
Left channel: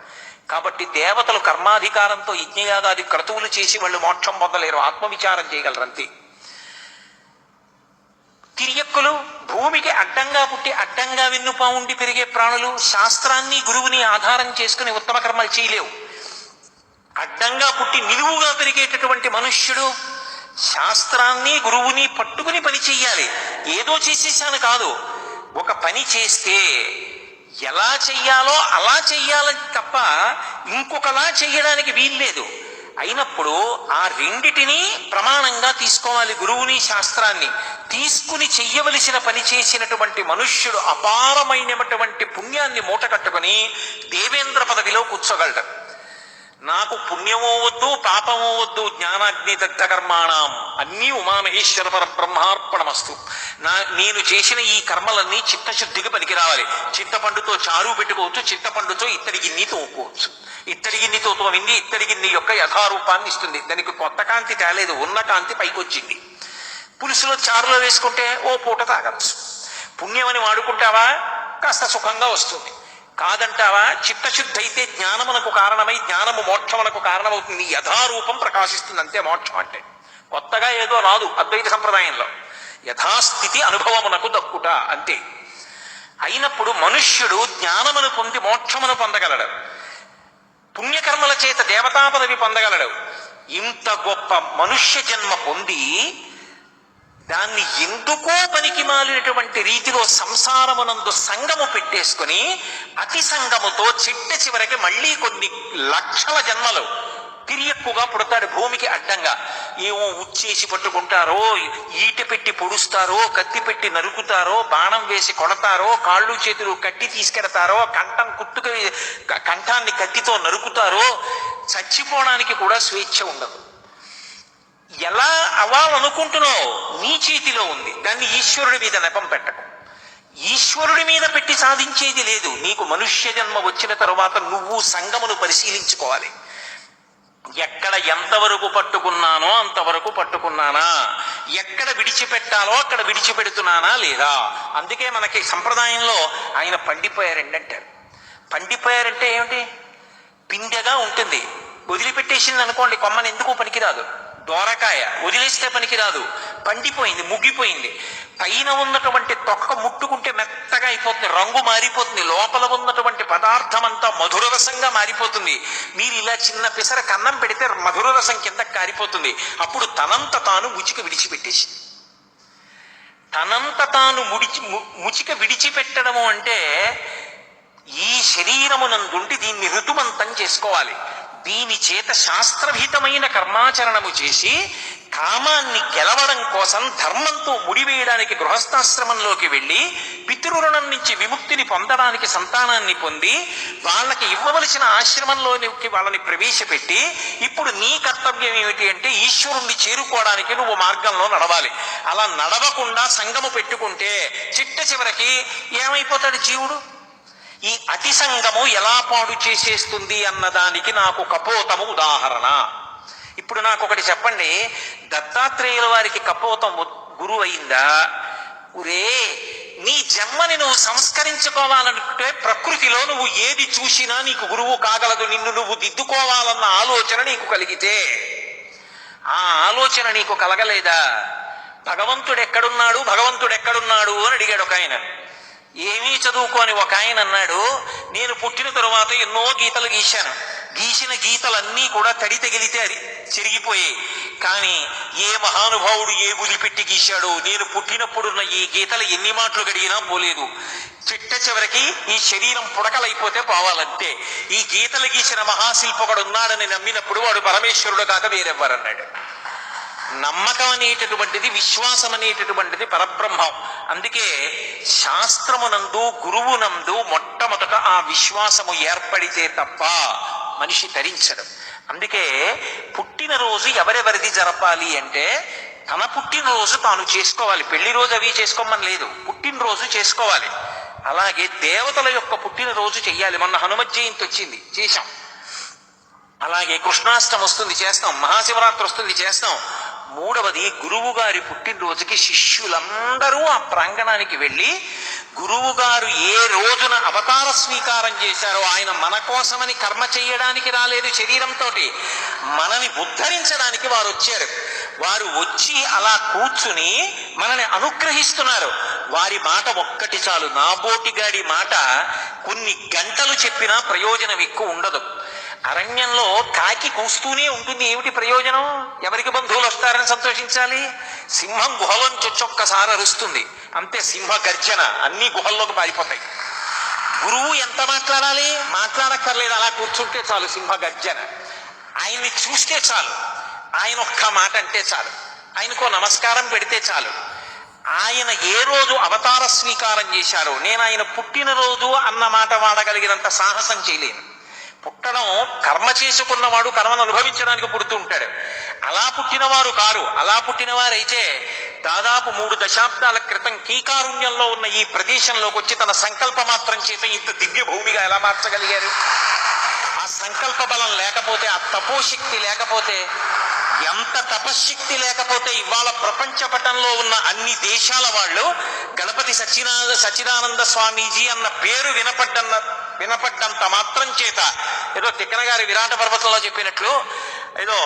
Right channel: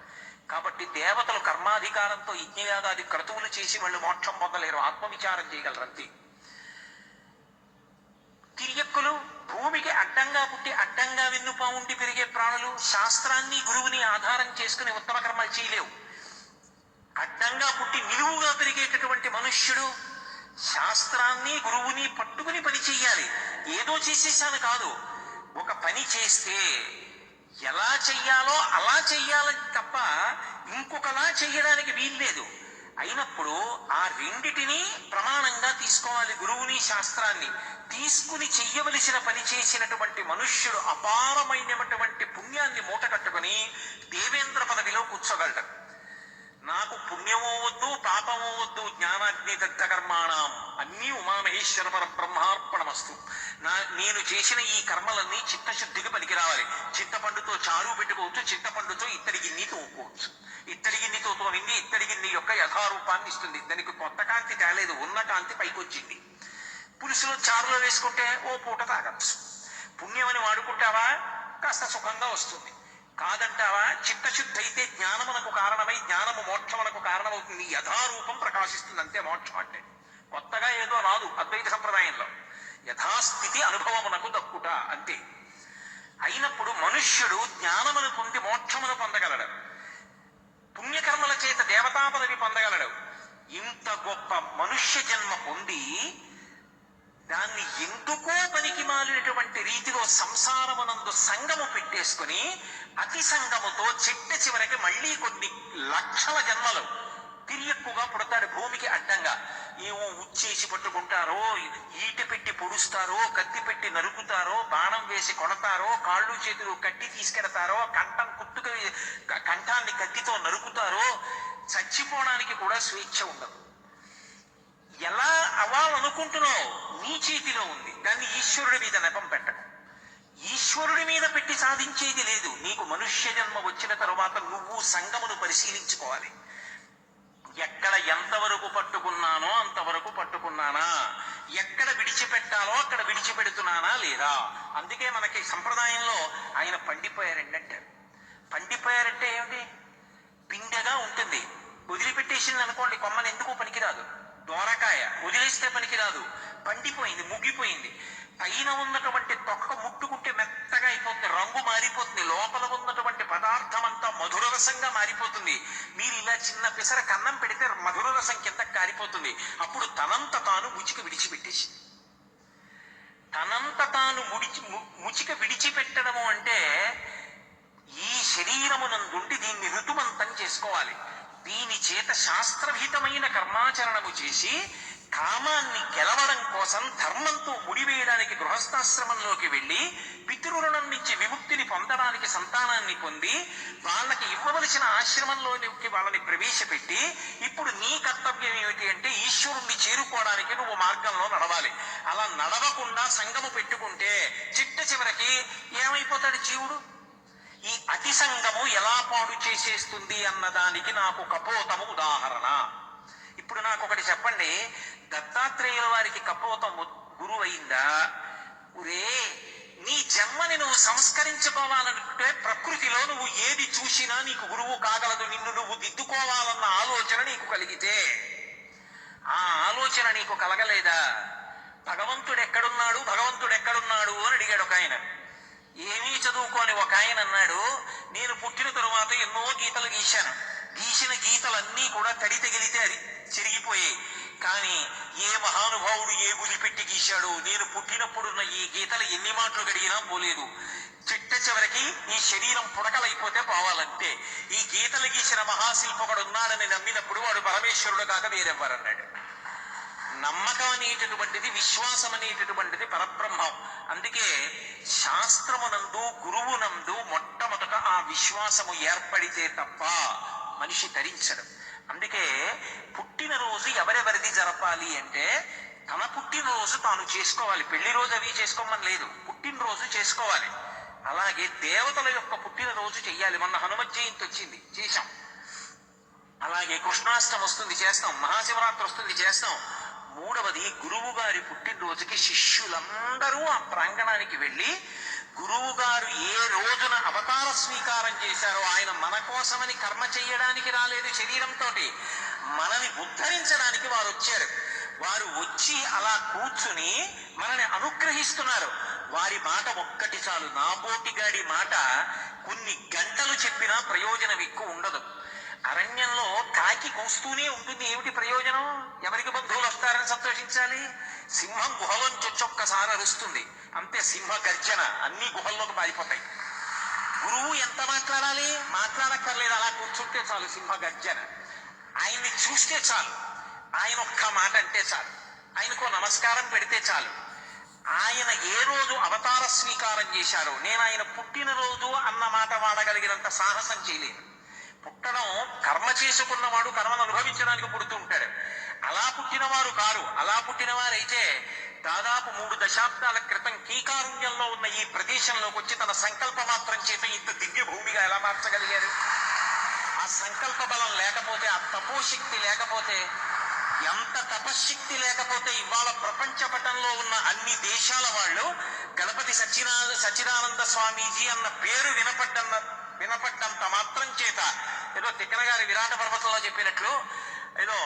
కాబట్టి దేవతలు కర్మాధికారంతో యజ్ఞయాగాది క్రతువులు చేసి వాళ్ళు మోక్షం పొందలేరు, ఆత్మవిచారం చేయగలరంతే. తిరియక్కులు భూమికి అడ్డంగా పుట్టి అడ్డంగా వెన్నుపా ఉండి పెరిగే ప్రాణులు శాస్త్రాన్ని గురువుని ఆధారం చేసుకుని ఉత్తమ కర్మలు చేయలేవు. అడ్డంగా పుట్టి నిలువుగా పెరిగేటటువంటి మనుష్యుడు శాస్త్రాన్ని గురువుని పట్టుకుని పని చెయ్యాలి. ఏదో చేసేసాను కాదు, ఒక పని చేస్తే ఎలా చెయ్యాలో అలా చెయ్యాలని తప్ప ఇంకొకలా చెయ్యడానికి వీల్లేదు. అయినప్పుడు ఆ రెండిటినీ ప్రమాణంగా తీసుకోవాలి. గురువుని శాస్త్రాన్ని తీసుకుని చెయ్యవలసిన పని చేసినటువంటి మనుష్యుడు అపారమైనటువంటి పుణ్యాన్ని మూట కట్టుకుని దేవేంద్ర పదవిలో కూర్చోగలడు. నాకు పుణ్యమో వద్దు, పాపమో వద్దు, జ్ఞానాగ్ని దగ్ధ కర్మాణం అన్నీ ఉమామహేశ్వర పర బ్రహ్మార్పణమస్తు. నేను చేసిన ఈ కర్మలన్నీ చిత్తశుద్ధికి పనికి రావాలి. చింతపండుతో చారు పెట్టుకోవచ్చు, చింతపండుతో ఇత్తడి గిన్నె తోముకోవచ్చు. ఇత్తడి గిన్నెతో తోమింది ఇత్తడి గిన్నె యొక్క యథారూపాన్ని ఇస్తుంది. దానికి కొత్త కాంతి తేలేదు, ఉన్న కాంతి పైకి వచ్చింది. పులుసులో చారులో వేసుకుంటే ఓ పూట తాగచ్చు. పుణ్యమని వాడుకుంటావా, కాస్త సుఖంగా వస్తుంది. కాదంటావా, చిత్తశుద్ధి అయితే జ్ఞానమునకు కారణమై జ్ఞానము మోక్షమునకు కారణమవుతుంది. యథారూపం ప్రకాశిస్తుంది, అంతే మోక్షం అంటే. కొత్తగా ఏదో రాదు అద్వైత సంప్రదాయంలో. యథాస్థితి అనుభవమునకు దక్కుట అంతే. అయినప్పుడు మనుష్యుడు జ్ఞానమును పొంది మోక్షమును పొందగలడు. పుణ్యకర్మల చేత దేవతా పదవి పొందగలడు. ఇంత గొప్ప మనుష్య జన్మ పొంది దాన్ని ఎందుకో పనికి మాలినటువంటి రీతిలో సంసారమునందు సంగము పెట్టేసుకుని అతి సంగముతో చిట్ట చివరికి మళ్ళీ కొన్ని లక్షల జన్మలు తిరియక్కుగా పుడతాడు భూమికి అడ్డంగా. ఏమో ఉచ్చేసి పట్టుకుంటారో, ఈట పెట్టి పొడుస్తారో, కత్తి పెట్టి నరుకుతారో, బాణం వేసి కొడతారో, కాళ్ళు చేతులు కట్టి తీసుకెడతారో, కంఠాన్ని కత్తితో నరుకుతారో, చచ్చిపోవడానికి కూడా స్వేచ్ఛ ఉండదు. ఎలా అవ్వాలనుకుంటున్నావు నీ చేతిలో ఉంది. దాన్ని ఈశ్వరుడి మీద నెపం పెట్టకు. ఈశ్వరుడి మీద పెట్టి సాధించేది లేదు. నీకు మనుష్య జన్మ వచ్చిన తరువాత నువ్వు సంగమును పరిశీలించుకోవాలి. ఎక్కడ ఎంతవరకు పట్టుకున్నానో అంతవరకు పట్టుకున్నానా, ఎక్కడ విడిచిపెట్టాలో అక్కడ విడిచిపెడుతున్నానా లేదా. అందుకే మనకి సంప్రదాయంలో ఆయన పండిపోయారండి అంటారు. పండిపోయారంటే ఏమిటి? పిండెగా ఉంటుంది, వదిలిపెట్టేసింది అనుకోండి కొమ్మని ఎందుకు పనికిరాదు. దోరకాయ వదిలేస్తే పనికిరాదు, పండిపోయింది, ముగ్గిపోయింది. పైన ఉన్నటువంటి తొక్క ముట్టుకుంటే మెత్తగా అయిపోతుంది, రంగు మారిపోతుంది, లోపల ఉన్నటువంటి పదార్థం అంతా మధుర రసంగా మారిపోతుంది. మీరు ఇలా చిన్న పిసర కన్నం పెడితే మధుర రసం కింద కారిపోతుంది. అప్పుడు తనంత తాను ముచిక విడిచిపెట్టేసి, తనంత తాను ముచిక విడిచిపెట్టడము అంటే ఈ శరీరమునందుండి దీన్ని ఋతుమంతం చేసుకోవాలి. దీని చేత శాస్త్రభీతమైన కర్మాచరణము చేసి కామాన్ని గెలవడం కోసం ధర్మంతో ముడివేయడానికి గృహస్థాశ్రమంలోకి వెళ్ళి పితృరుణం నుంచి విముక్తిని పొందడానికి సంతానాన్ని పొంది వాళ్ళకి ఇవ్వవలసిన ఆశ్రమంలోకి వాళ్ళని ప్రవేశపెట్టి ఇప్పుడు నీ కర్తవ్యం ఏమిటి అంటే ఈశ్వరుణ్ణి చేరుకోవడానికి నువ్వు మార్గంలో నడవాలి. అలా నడవకుండా సంగము పెట్టుకుంటే చిట్ట చివరికి ఏమైపోతాడు జీవుడు? ఈ అతి సంగము ఎలా పాడు చేసేస్తుంది అన్నదానికి నాకు కపోతము ఉదాహరణ. ఇప్పుడు నాకు ఒకటి చెప్పండి, దత్తాత్రేయుల వారికి కపోతం గురువు అయిందా? ఉరే, నీ జన్మని నువ్వు సంస్కరించుకోవాలనుకుంటే ప్రకృతిలో నువ్వు ఏది చూసినా నీకు గురువు కాగలదు. నిన్ను నువ్వు దిద్దుకోవాలన్న ఆలోచన నీకు కలిగితే, ఆ ఆలోచన నీకు కలగలేదా? భగవంతుడు ఎక్కడున్నాడు అని అడిగాడు ఒక ఆయన. ఏమీ చదువుకోని ఒక ఆయన అన్నాడు, నేను పుట్టిన తరువాత ఎన్నో గీతలు గీశాను, గీసిన గీతలన్నీ కూడా తడి తగిలితే అది చిరిగిపోయాయి. కానీ ఏ మహానుభావుడు ఏ బులి పెట్టి గీశాడో నేను పుట్టినప్పుడున్న ఈ గీతలు ఎన్ని మాటలు గడిగినా పోలేదు. చిట్ట చివరికి ఈ శరీరం పుడకలైపోతే పోవాలంతే. ఈ గీతలు గీసిన మహాశిల్పకుడు ఉన్నాడని నమ్మినప్పుడు వాడు పరమేశ్వరుడు కాక వేరెవ్వరన్నాడు. నమ్మకం అనేటటువంటిది, విశ్వాసం అనేటటువంటిది పరబ్రహ్మం. అందుకే శాస్త్రమునందు గురువునందు మొట్టమొదట ఆ విశ్వాసము ఏర్పడితే తప్ప మనిషి తరించడు. అందుకే పుట్టినరోజు ఎవరెవరిది జరపాలి అంటే తన పుట్టినరోజు తాను చేసుకోవాలి. పెళ్లి రోజు అవి చేసుకోమని లేదు, పుట్టినరోజు చేసుకోవాలి. అలాగే దేవతల యొక్క పుట్టినరోజు చెయ్యాలి. మొన్న హనుమత్ జయంతి వచ్చింది, చేశాం. అలాగే కృష్ణాష్టమి వస్తుంది, చేస్తాం. మహాశివరాత్రి వస్తుంది, చేస్తాం. మూడవది గురువు గారి పుట్టినరోజుకి శిష్యులందరూ ఆ ప్రాంగణానికి వెళ్ళి గురువు గారు ఏ రోజున అవతార స్వీకారం చేశారో, ఆయన మన కోసమని కర్మ చేయడానికి రాలేదు శరీరంతో, మనని ఉద్ధరించడానికి వారు వచ్చారు. వారు వచ్చి అలా కూర్చుని మనని అనుగ్రహిస్తున్నారు. వారి మాట ఒక్కటి చాలు. నాబోటిగాడి మాట కొన్ని గంటలు చెప్పినా ప్రయోజనం ఎక్కువ ఉండదు. అరణ్యంలో కాకి కూస్తూనే ఉంటుంది, ఏమిటి ప్రయోజనం? ఎవరికి బంధువులు వస్తారని సంతోషించాలి? సింహం గుహలోంచి ఒక్కసారి అరుస్తుంది, అంతే, సింహ గర్జన, అన్ని గుహల్లోకి పారిపోతాయి. గురువు ఎంత మాట్లాడాలి? మాట్లాడక్కర్లేదు, అలా కూర్చుంటే చాలు, సింహ గర్జన. ఆయన్ని చూస్తే చాలు, ఆయన ఒక్క మాట అంటే చాలు, ఆయనకో నమస్కారం పెడితే చాలు. ఆయన ఏ రోజు అవతార స్వీకారం చేశారో, నేను ఆయన పుట్టినరోజు అన్న మాట వాడగలిగినంత సాహసం చేయలేను. పుట్టడం కర్మ చేసుకున్నవాడు కర్మను అనుభవించడానికి పుడుతూ ఉంటాడు. అలా పుట్టినవారు కారు. అలా పుట్టినవారైతే దాదాపు 3 దశాబ్దాల క్రితం కీకారుణ్యంలో ఉన్న ఈ ప్రదేశంలోకి వచ్చి తన సంకల్ప మాత్రం చేత ఇంత దివ్య భూమిగా ఎలా మార్చగలిగారు? ఆ సంకల్ప బలం లేకపోతే, ఆ తపోశక్తి లేకపోతే, ఎంత తపశ్శక్తి లేకపోతే ఇవాళ ప్రపంచ పటంలో ఉన్న అన్ని దేశాల వాళ్ళు గణపతి సచ్చిదానంద స్వామీజీ అన్న పేరు వినపడ్డంత మాత్రం చేత ఏదో తిక్కన గారి విరాట పర్వతంలో చెప్పినట్లు ఏదో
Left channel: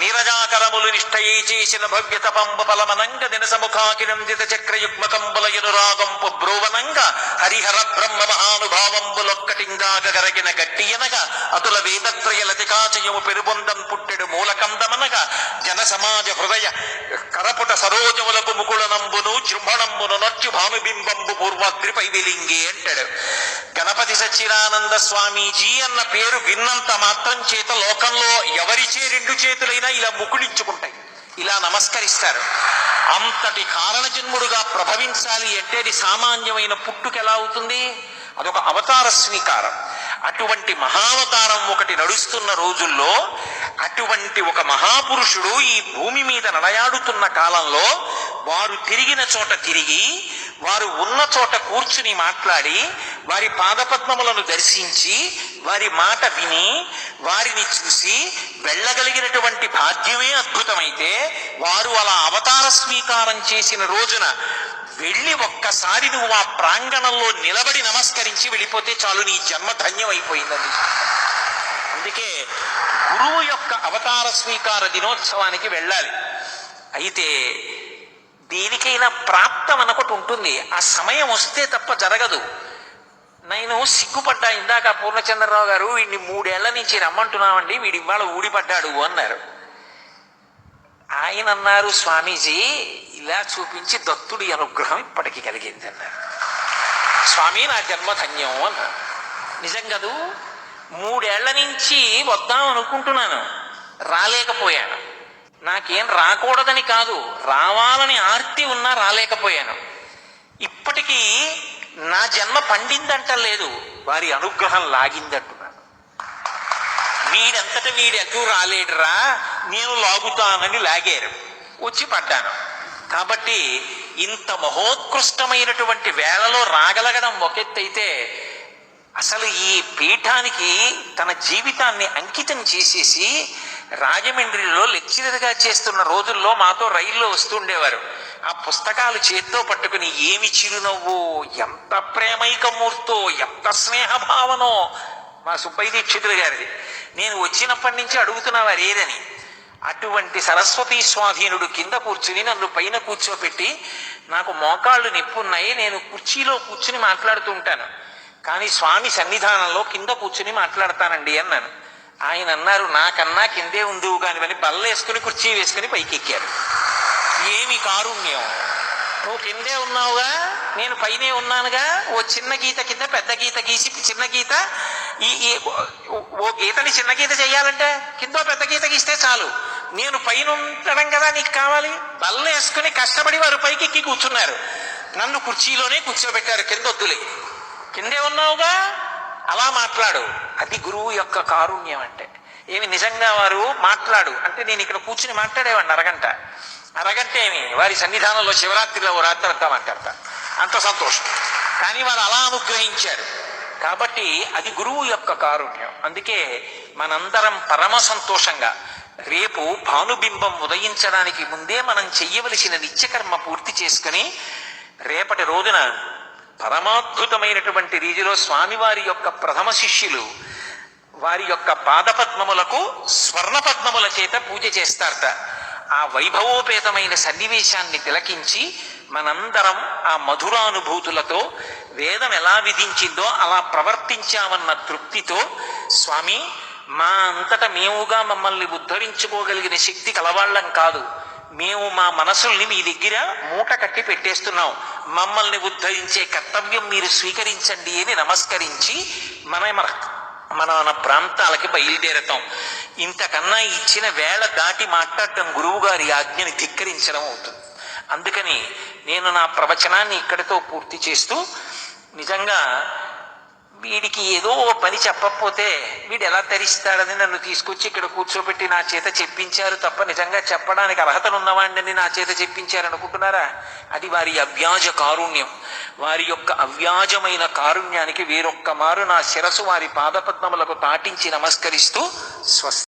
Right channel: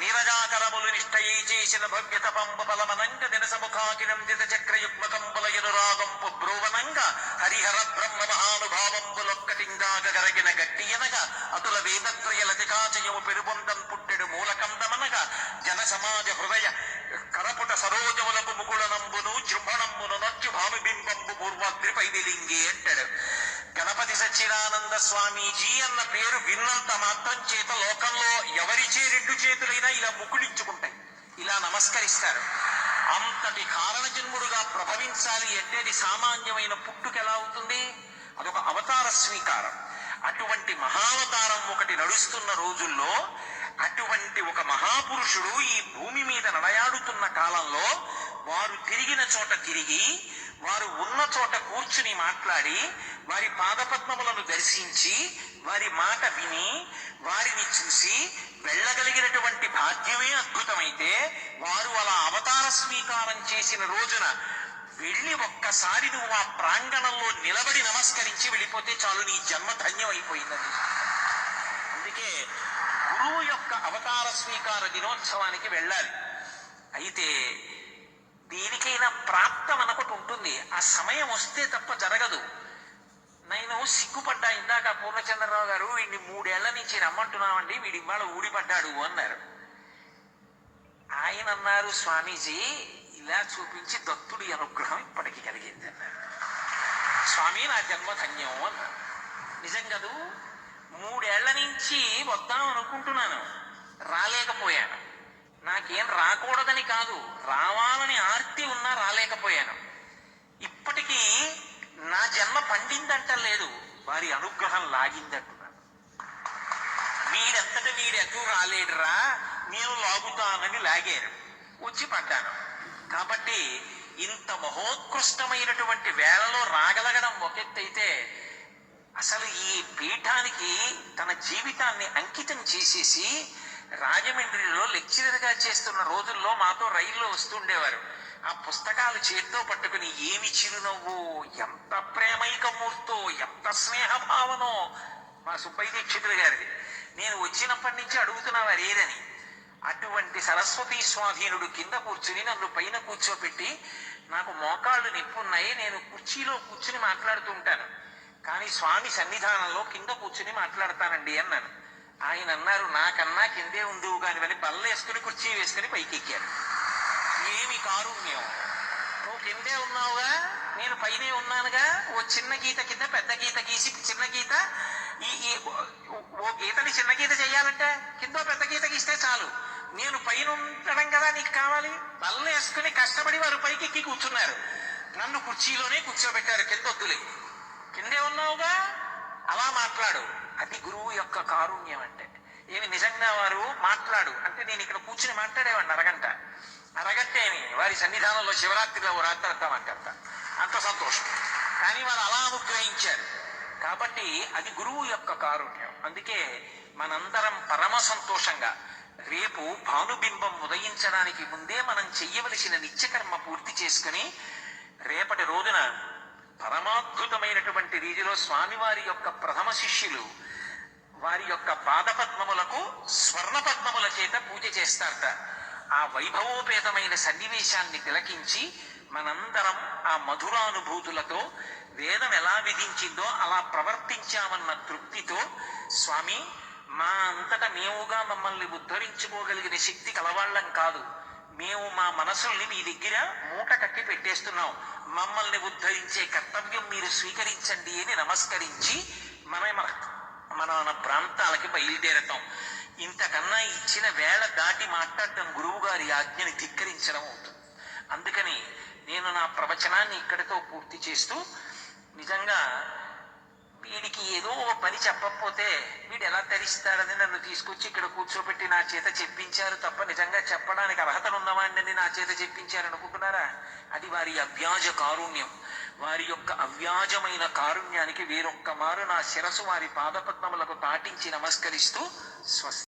నీరజాకరములు నిష్టయే చేసిన భవ్య తపంబ ఫలమనంగ దినసముఖాకినందిత చక్రయుగ్మకంబులయునురాగంపు బ్రోవనంగ హరిహర బ్రహ్మ మహానుభావంబులొక్కటింగాగ గరగిన గట్టియనగా అతుల వేదత్రయ లతికాచయము పెరుబొందం పుట్టెడు మూలకందమనగా జన సమాజ హృదయ కరపుట సరోజములకు ముకుళనంబును జృంభణంబును నొచ్చు భానుబింబంబు పూర్వాద్రిపై వెలింగి అంటాడు. గణపతి సచ్చిదానంద స్వామీజీ అన్న పేరు విన్నంత మాత్రం చేత లోకంలో ఎవరిచే రెండు చేతులైనా ఇలా ముకుళించుకుంటాయి, ఇలా నమస్కరిస్తారు. అంతటి కారణజన్ముడుగా ప్రభవించాలి అంటే అది సామాన్యమైన పుట్టుక ఎలా అవుతుంది? అదొక అవతార స్వీకారం. అటువంటి మహావతారం ఒకటి నడుస్తున్న రోజుల్లో అటువంటి ఒక మహాపురుషుడు ఈ భూమి మీద నడయాడుతున్న కాలంలో వారు తిరిగిన చోట తిరిగి, వారు ఉన్న చోట కూర్చుని మాట్లాడి, వారి పాదపద్మములను దర్శించి, వారి మాట విని, వారిని చూసి వెళ్ళగలిగినటువంటి భాగ్యమే అద్భుతమైతే, వారు అలా అవతార స్వీకారం చేసిన రోజున వెళ్ళి ఒక్కసారి నువ్వు ఆ ప్రాంగణంలో నిలబడి నమస్కరించి వెళ్ళిపోతే చాలు, నీ జన్మ ధన్యమైపోయిందని. అందుకే గురువు యొక్క అవతార స్వీకార దినోత్సవానికి వెళ్ళాలి. అయితే దేనికైనా ప్రాప్తం అనొకటి ఉంటుంది, ఆ సమయం వస్తే తప్ప జరగదు. నేను సిగ్గుపడ్డా ఇందాక పూర్ణచంద్రరావు గారు వీడిని 3 ఏళ్ల నుంచి రమ్మంటున్నామండి, వీడి ఇవాళ ఊడిపడ్డాడు అన్నారు. ఆయన అన్నారు, స్వామీజీ ఇలా చూపించి దత్తుడి అనుగ్రహం ఇప్పటికి కలిగింది అన్నారు. స్వామి నా జన్మ ధన్యం అన్నారు. నిజం కదూ, 3 ఏళ్ల నుంచి వద్దాం అనుకుంటున్నాను, రాలేకపోయాను. నాకేం రాకూడదని కాదు, రావాలని ఆర్తి ఉన్నా రాలేకపోయాను. ఇప్పటికీ నా జన్మ పండిందంటలేదు, వారి అనుగ్రహం లాగిందంటున్నాను. వీడంతట వీడెటూ రాలేడురా, నేను లాగుతానని లాగారు, వచ్చి పడ్డాను. కాబట్టి ఇంత మహోత్కృష్టమైనటువంటి వేళలో రాగలగడం ఒకెత్తైతే, అసలు ఈ పీఠానికి తన జీవితాన్ని అంకితం చేసేసి రాజమండ్రిలో లెక్చరర్గా చేస్తున్న రోజుల్లో మాతో రైల్లో వస్తుండేవారు. ఆ పుస్తకాలు చేత్తో పట్టుకుని ఏమి చిరునవ్వు, ఎంత ప్రేమైకమూర్తో, ఎంత స్నేహభావనో. మా సుబ్బయ్య దీక్షితులు గారిది. నేను వచ్చినప్పటి నుంచి అడుగుతున్నవారు ఏదని. అటువంటి సరస్వతీ స్వాధీనుడు కింద కూర్చుని నన్ను పైన కూర్చోపెట్టి, నాకు మోకాళ్ళు నొప్పున్నాయి, నేను కుర్చీలో కూర్చుని మాట్లాడుతూ ఉంటాను, కానీ స్వామి సన్నిధానంలో కింద కూర్చుని మాట్లాడతానండి అన్నాను. ఆయన అన్నారు, నాకన్నా కిందే ఉందివు కానివని బల్లేసుకుని కుర్చీ వేసుకుని పైకి ఎక్కారు. ఏమి కారుణ్యం! నువ్వు కిందే ఉన్నావుగా, నేను పైనే ఉన్నానుగా. ఓ చిన్న గీత కింద పెద్ద గీత గీసి, చిన్న గీత ఓ గీతని చిన్న గీత చెయ్యాలంటే కింద పెద్ద గీత గీస్తే చాలు. నేను పైన ఉండడం కదా నీకు కావాలి. బల్లేసుకుని కష్టపడి వారు పైకి ఎక్కి కూర్చున్నారు, నన్ను కుర్చీలోనే కూర్చోబెట్టారు. కింద వద్దులే, కిందే ఉన్నావుగా, అలా మాట్లాడు. అది గురువు యొక్క కారుణ్యం అంటే. ఏమి నిజంగా వారు మాట్లాడు అంటే నేను ఇక్కడ కూర్చుని మాట్లాడేవాడిని అరగంట ఏమి, వారి సన్నిధానంలో శివరాత్రిలో ఓ రాత్రి అంతా మాట్లాడతా, అంత సంతోషం. కానీ వారు అలా అనుగ్రహించారు. కాబట్టి అది గురువు యొక్క కారుణ్యం. అందుకే మనందరం పరమ సంతోషంగా రేపు భానుబింబం ఉదయించడానికి ముందే మనం చెయ్యవలసిన నిత్యకర్మ పూర్తి చేసుకుని రేపటి రోజున పరమాద్భుతమైనటువంటి రీతిలో స్వామివారి యొక్క ప్రథమ శిష్యులు వారి యొక్క పాదపద్మములకు స్వర్ణ పద్మముల చేత పూజ చేస్తారట. ఆ వైభవోపేతమైన సన్నివేశాన్ని తిలకించి మనందరం ఆ మధురానుభూతులతో వేదం ఎలా విధించిందో అలా ప్రవర్తించామన్న తృప్తితో, స్వామి మా అంతట మేముగా మమ్మల్ని ఉద్ధరించుకోగలిగిన శక్తి కలవాళ్ళం కాదు, మేము మా మనసుల్ని మీ దగ్గర మూట కట్టి పెట్టేస్తున్నాం, మమ్మల్ని ఉద్ధరించే కర్తవ్యం మీరు స్వీకరించండి అని నమస్కరించి మన ప్రాంతాలకి బయలుదేరతాం. ఇంతకన్నా ఇచ్చిన వేళ దాటి మాట్లాడటం గురువు గారి ఆజ్ఞని ధిక్కరించడం అవుతుంది. అందుకని నేను నా ప్రవచనాన్ని ఇక్కడితో పూర్తి చేస్తూ, నిజంగా వీడికి ఏదో పని చెప్పకపోతే వీడు ఎలా తరిస్తాడని నన్ను తీసుకొచ్చి ఇక్కడ కూర్చోబెట్టి నా చేత చెప్పించారు తప్ప నిజంగా చెప్పడానికి అర్హతనున్నవాడిని నా చేత చెప్పించారనుకుంటున్నారా? అది వారి అవ్యాజ కారుణ్యం. వారి యొక్క అవ్యాజమైన కారుణ్యానికి వేరొక్క మారు నా శిరసు వారి పాదపద్మములకు తాటించి నమస్కరిస్తూ స్వస్తి.